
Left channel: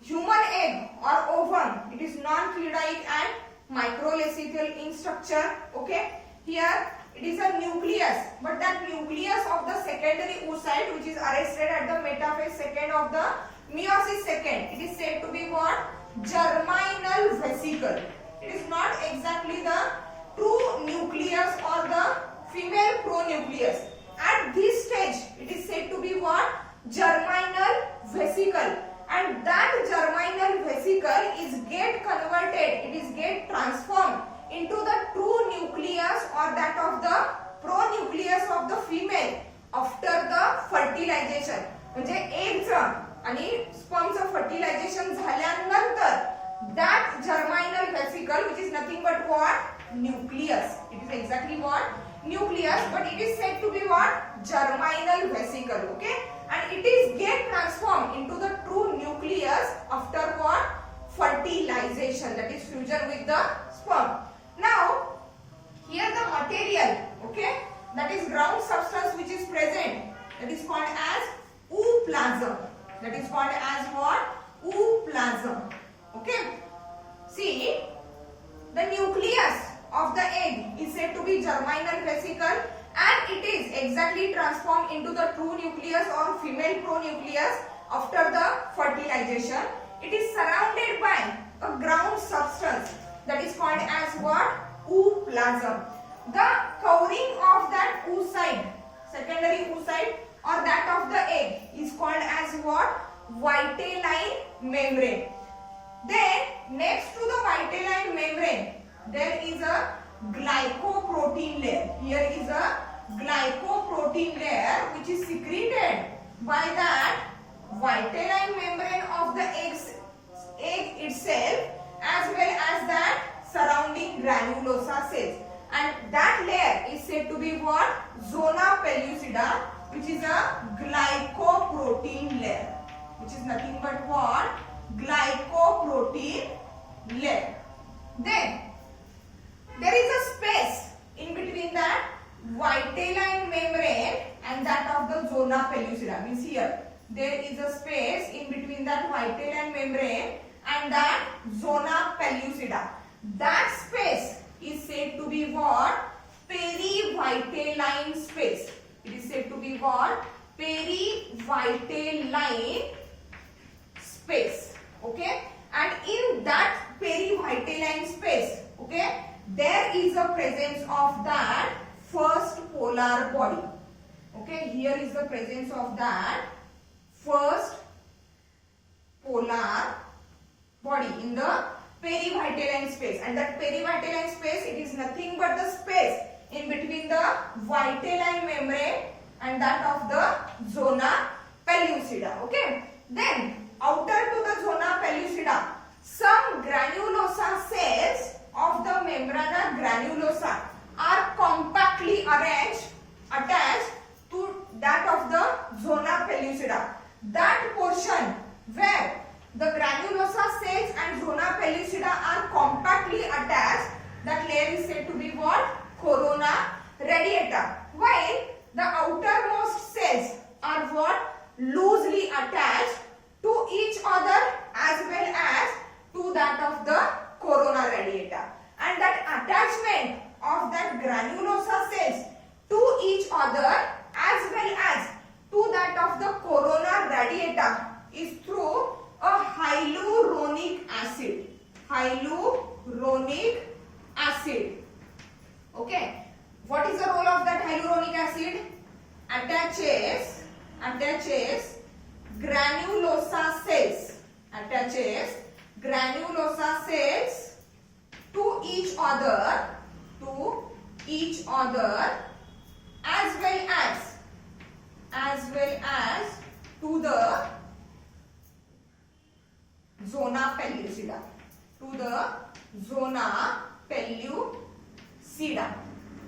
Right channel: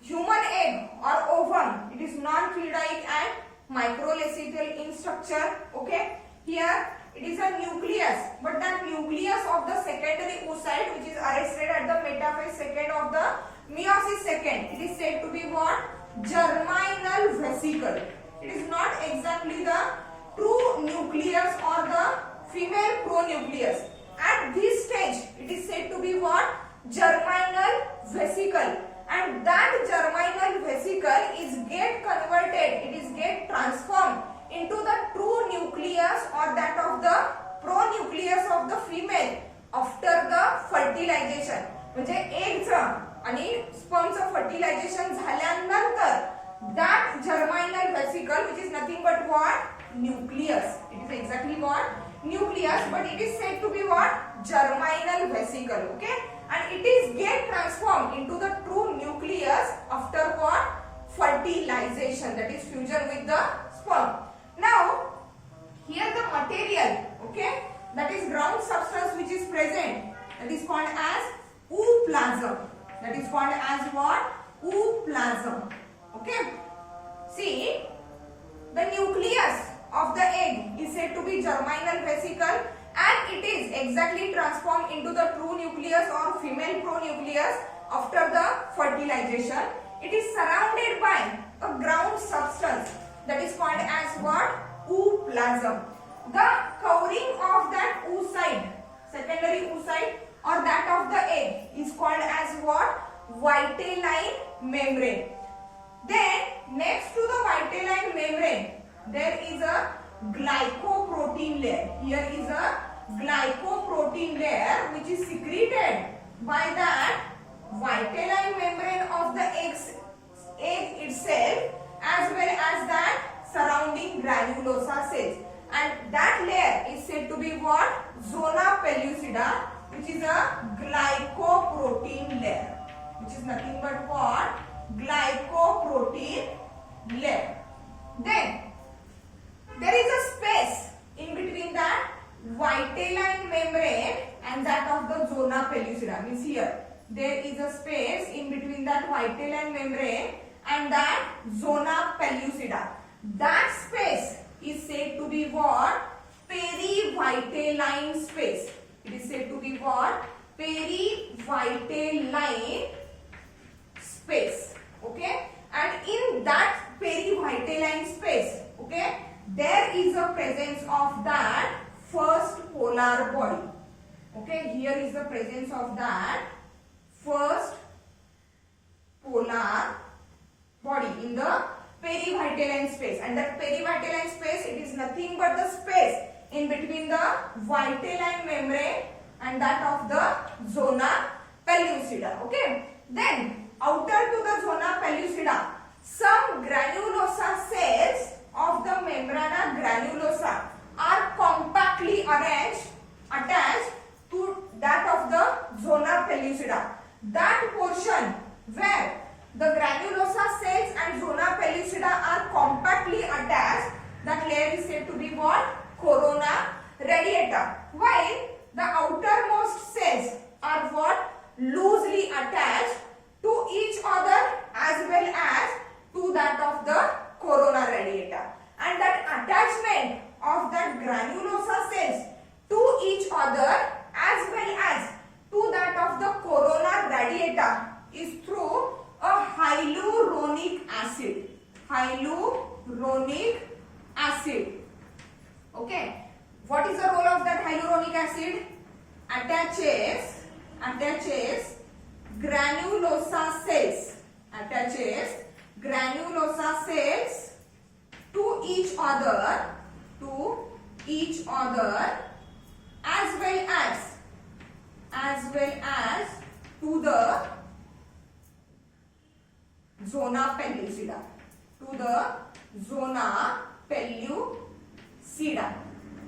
human egg or ovum, it is non-cleidoic and microlecythal in structure. Okay. Here it is a nucleus, but that nucleus of the secondary oocyte which is arrested at the metaphase second of the meiosis second, it is said to be what? Germinal vesicle. It is not exactly the true nucleus or the female pronucleus. At this stage, it is said to be what? Germinal vesicle. And that germinal vesicle is get converted, it is get transformed into the true nucleus or that of the pronucleus of the female after the fertilization. म्हणजे एगचं आणि स्पर्मचं fertilization झाल्यानंतर that germinal vesicle, which is nothing but what? Nucleus. It is exactly what? Nucleus, but it is said to be what? Germinal vesicle. Okay, and it is get transformed into the true nucleus after what? Fertilization, that is fusion with the sperm. Now here the material, okay, that is ground substance which is present, that is called as ooplasm. That is called as what? Ooplasm. Okay. See, the nucleus of the egg is said to be germinal vesicle, and it is exactly transformed into the true nucleus or female pronucleus after the fertilization. It is surrounded by a ground substance that is called as what? Ooplasm. The covering of that oocyte, secondary oocyte or that of the egg, is called as what? Vitelline membrane. Then next to the vitelline membrane, there is a glycoprotein layer. Here is a glycoprotein layer which is secreted by that vitelline membrane of the egg itself, as well as that surrounding granulosa cells. And that layer is said to be what? Zona pellucida, which is a glycoprotein layer, which is nothing but what? Glycoprotein layer. Then there is a space in between that vitelline membrane and that of the zona pellucida. Means here there is a space in between that vitelline membrane and that zona pellucida. That space is said to be what? Perivitelline space. It is said to be what? Perivitelline space. Okay, and in that perivitelline space, okay, there is a presence of that first polar body. Okay, here is the presence of that first polar body in the perivitelline space. And that perivitelline space, it is nothing but the space in between the vitelline membrane and that of the zona pellucida. Okay, then outer to the zona pellucida, some granulosa cells of the membrana granulosa are compactly attached to that of the zona pellucida. That portion where the granulosa cells and zona pellucida are compactly attached, that layer is said to be what? Corona radiata. While the outermost cells are what? Loosely attached to each other as well as to that of the corona radiata. And that attachment of that granulosa cells to each other as well as to that of the corona radiata is through a hyaluronic acid. Hyaluronic acid. Okay. What is the role of that hyaluronic acid? Attaches granulosa cells. Attaches granulosa cells to each other as well as to the zona pellucida.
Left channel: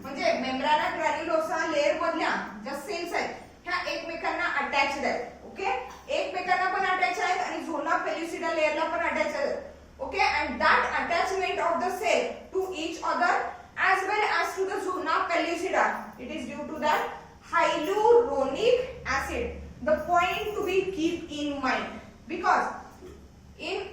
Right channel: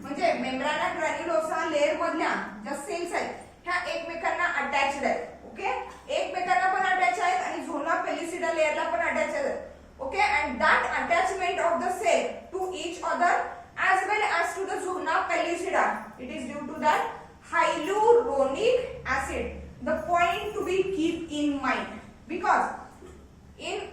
म्हणजे मेम्ब्राना ग्रॅन्युलोसा layer मधल्या ज्या sales आहेत ह्या एकमेकांना attached आहेत. Okay, एकमेकांना पण attach आहेत आणि झोना पेल्युसिडा लेयरला पण अटॅच आहेत. Okay, and that attachment of the cell to each other as well as to the zona pellucida, it is due to that hyaluronic acid. The point to be keep in mind, because in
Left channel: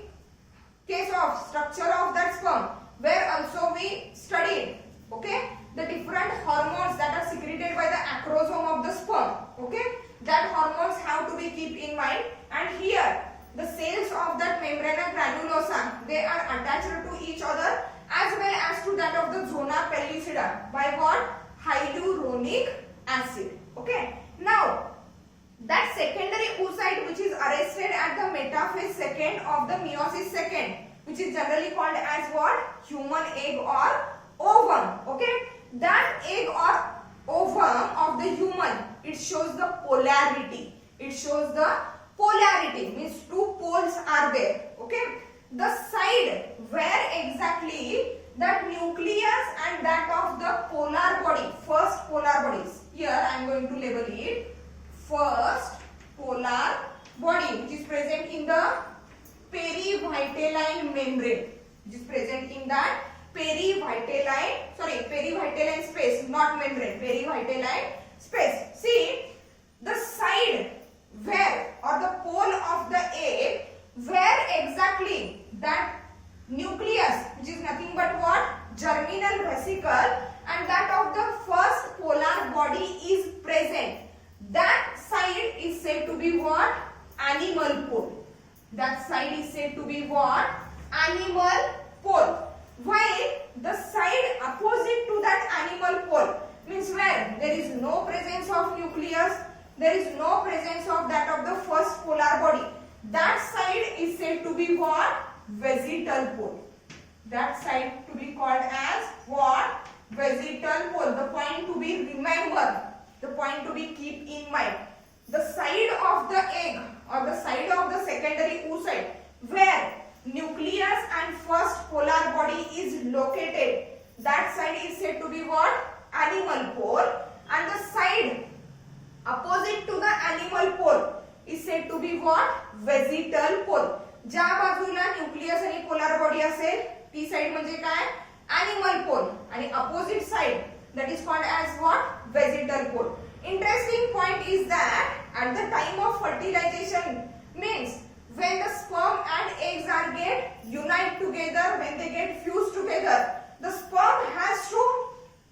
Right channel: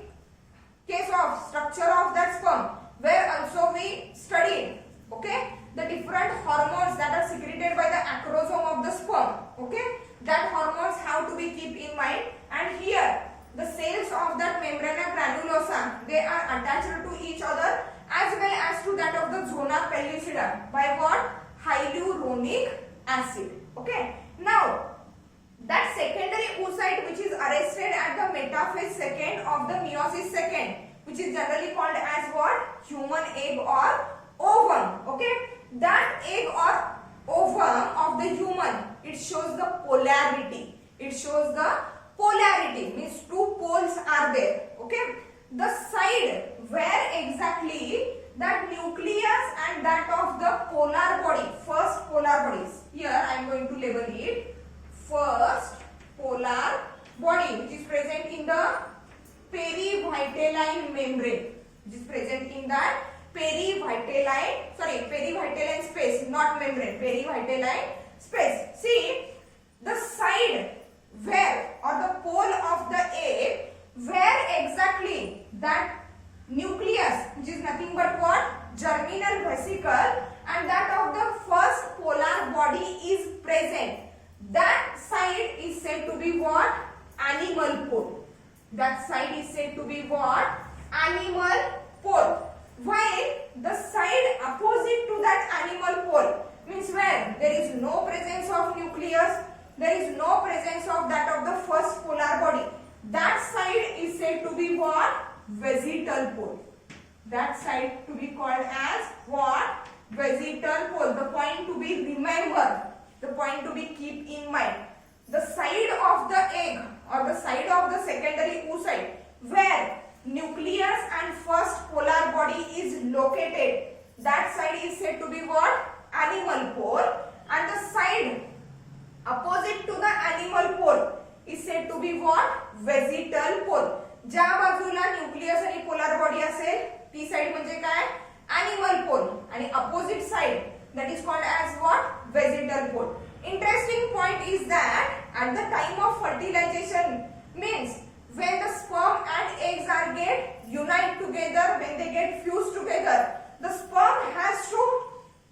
case of structure of that sperm, where also we studied, okay, the different hormones that are secreted by the acrosome of the sperm. Okay, that hormones have to be keep in mind, and here the cells of that membrana granulosa, they are attached to each other as well as to that of the zona pellucida by what? Hyaluronic acid. Okay, now that secondary oocyte which is arrested at the metaphase second of the meiosis second, which is generally called as what? Human egg or ovum. Okay, that egg or ovum of the human, it shows the polarity. Means two poles are there. Okay, the side where exactly that nucleus and that of the polar body, first polar bodies, here I am going to label it first polar body, which is present in the perivitelline membrane, perivitelline space, not membrane, perivitelline space. See, the side where or the pole of the egg where exactly that nucleus, which is nothing but what? Germinal vesicle, and that of the first polar body is present, that side is said to be what? Animal pole. Animal pole. While the side opposite to that animal pole means where there is no presence of nucleus, there is no presence of that of the first polar body, that side is said to be what? Vesital pole. That side to be called as what? Vesital pole. The point to be remembered, the point to be keep in mind, the side of the egg or the side of the secondary oocyte where nucleus and first polar body is located, that side is said to be what? Animal pole, and the side opposite to the animal pole is said to be what? Vesital pole. ज्या बाजूला nucleus आणि polar body असेल ती side म्हणजे काय? Animal पोल, आणि opposite side that is called as what? Vesital pole. Interesting point is that at the time of fertilization, means when the sperm and eggs are get unite together, when they get fused together, the sperm has to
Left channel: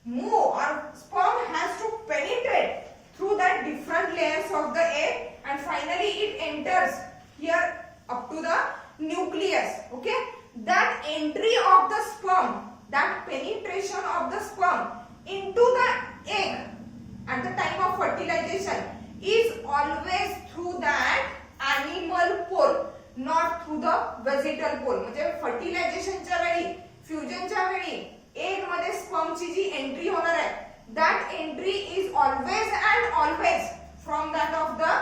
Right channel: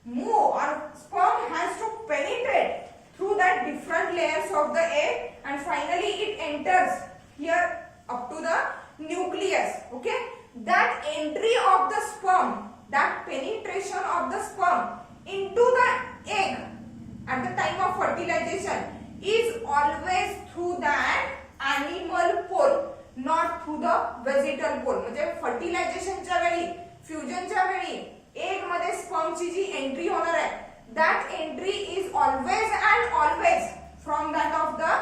move or sperm has to penetrate through that different layers of the egg, and finally it enters here up to the nucleus. Okay, that entry of the sperm, that penetration of the sperm into the egg at the time of fertilization is always through that animal pole, not through the vegetal pole. म्हणजे फर्टिलायझेशनच्या वेळी, फ्युजनच्या वेळी egg मध्ये स्पर्मची जी entry होणार आहे, that entry is always and always from that of the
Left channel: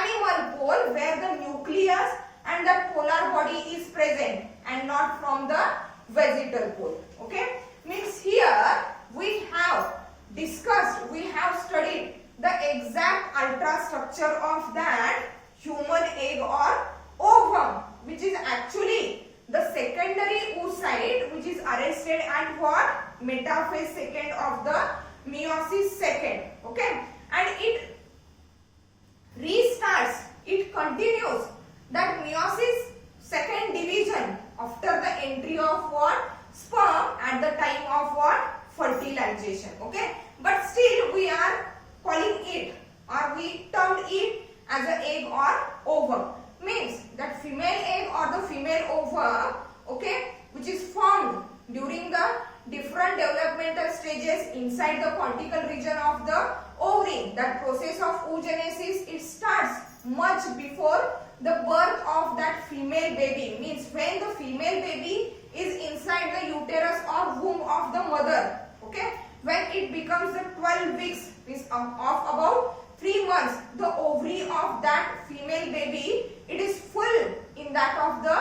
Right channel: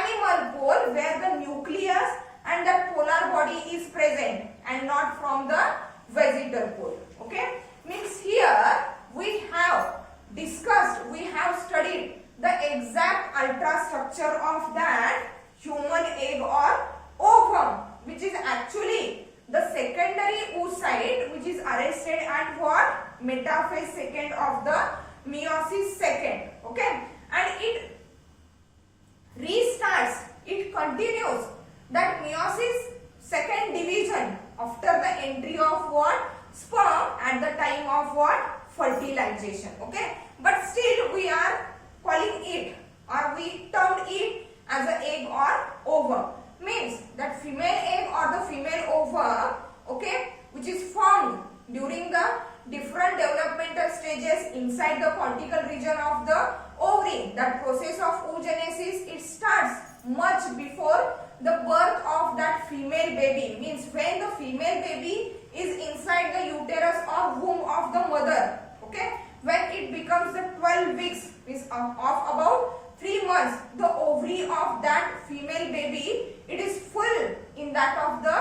animal pole where the nucleus and the polar body is present, and not from the vegetal pole. Okay, means here we have discussed, we have studied the exact ultrastructure of that human egg or ovum, which is actually the secondary oocyte which is arrested at what? Metaphase second of the meiosis second. Okay, and it restarts, it continues that meiosis second division after the entry of what? Sperm at the time of what? Fertilization. Okay, but still we are calling it, or we termed it as an egg or ovum. means that female egg or the female ova, okay, which is formed during the different developmental stages inside the cortical region of the ovary. That process of oogenesis, it starts much before the birth of that female baby, means when the female baby is inside the uterus or womb of the mother, okay, when it becomes the 12 weeks, means of about 3 months, the ovary of that female baby, it is full in that of the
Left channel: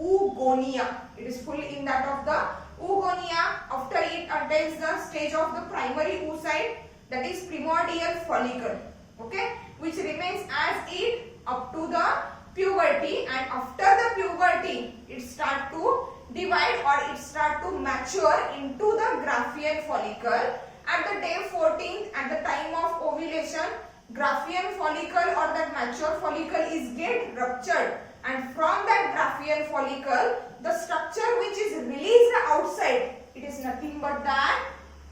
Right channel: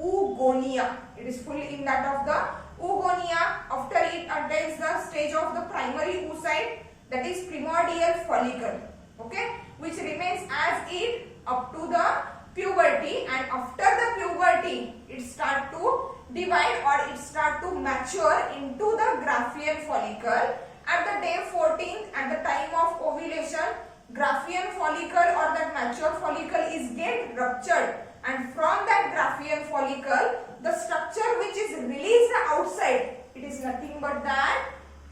oogonia. It is full in that of the oogonia. After it attains the stage of the primary oocyte, that is primordial follicle, okay, which remains as it up to the puberty, and after the puberty it start to divide or it start to mature into the Graafian follicle. At the day 14th, at the time of ovulation, Graafian follicle or that mature follicle is get ruptured, and from that Graafian follicle, the structure which is released outside, it is nothing but that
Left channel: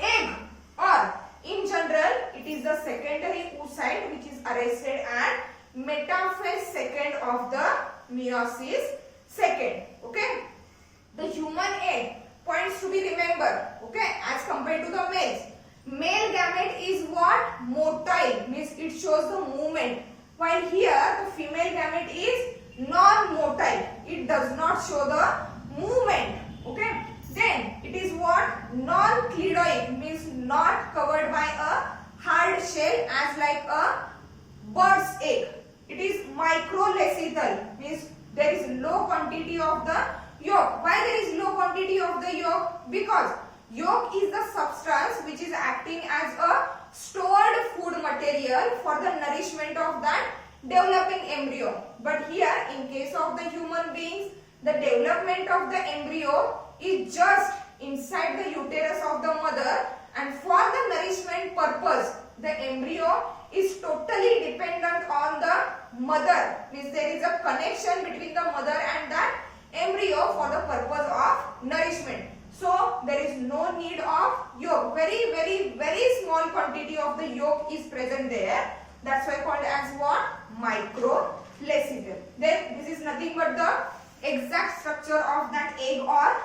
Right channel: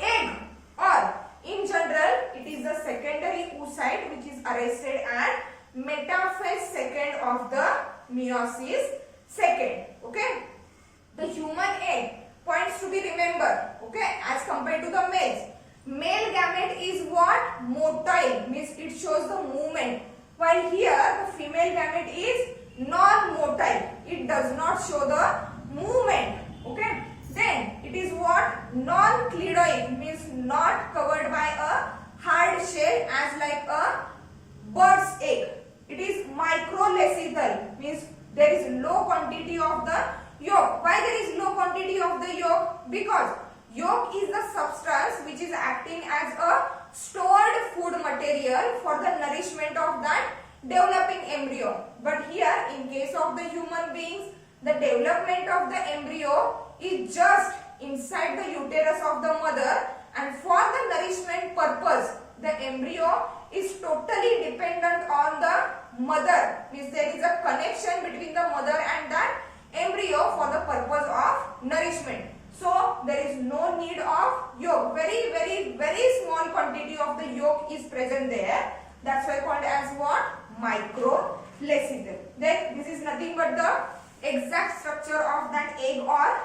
egg, or in general it is the secondary oocyte which is arrested at metaphase second of the meiosis second, okay. The human egg points to be remembered, okay, as compared to the males. Male gamete is what? Motile, means it shows the movement, while here the female gamete is non-motile, it does not show the movement, okay. Then it is what? Non-clidoid, means not covered by a hard shell as like a bird's egg. It is microlecital, means there is low quantity of the yolk. Why there is low quantity of the yolk? Because yolk is the substance which is acting as a stored food material for the nourishment of that developing embryo. But here in case of the human beings, the development of the embryo is just inside the uterus of the mother, and for the nourishment purpose, the embryo is totally dependent on the mother, means there is a connection between the mother and that embryo for the purpose of nourishment. So there is no need of yolk. Very small quantity of the yolk is present there. That's why called as what? Microlecital. Then this is nothing but the exact structure of that egg or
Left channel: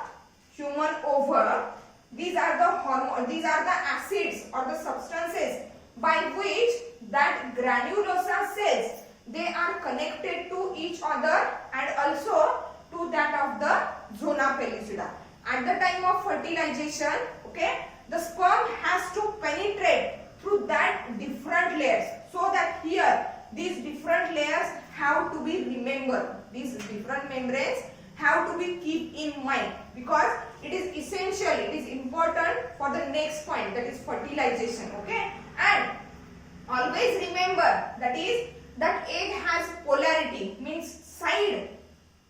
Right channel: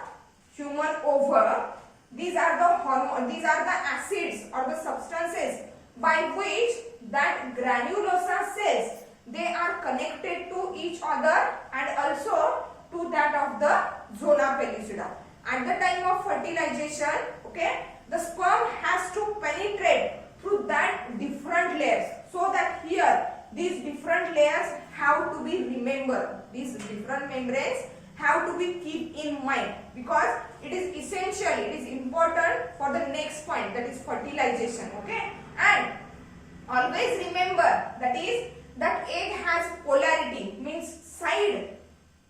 human ova. These are the hormone, these are the acids or the substances by which that granulosa cells, they are connected to each other and also to that of the zona pellucida. At the time of fertilization, okay, the sperm has to penetrate through that different layers, so that here these different layers have to be remembered. These different membranes have to be keep in mind, because it is essential, it is important for the next point, that is fertilization, okay. And always remember that is that egg has polarity, means side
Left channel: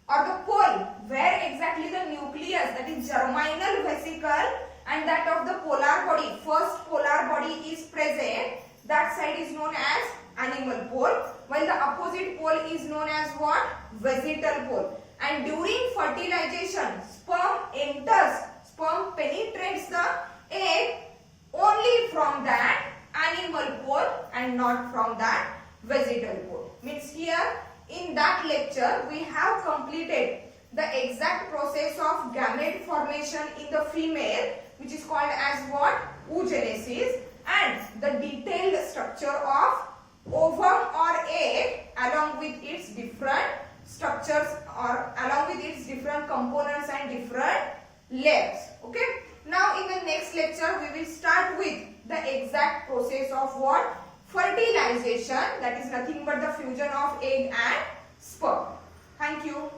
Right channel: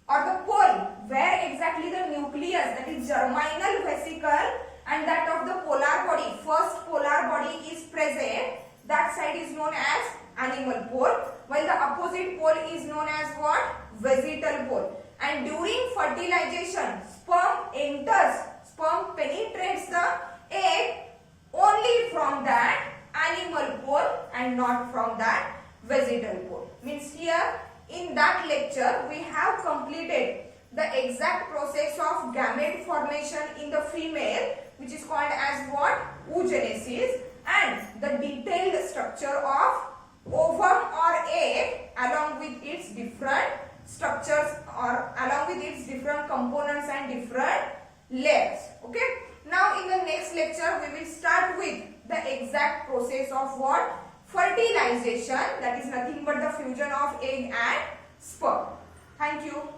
or the pole where exactly the nucleus, that is germinal vesicle, and that of the polar body, first polar body is present, that side is known as animal pole, while the opposite pole is known as what? Vegetal pole. And during fertilization, sperm penetrates the egg only from that animal pole and not from that vegetal pole. Means here in that lecture we have completed the exact process of gamete formation in the female, which is called as what? Oogenesis, and the detailed structure of ovum or egg along with its different structures or along with its different components and different layers. Okay. Now in the next lecture we will start with the exact process of what? Fertilization, that is nothing but the fusion of egg and sperm. Thank you.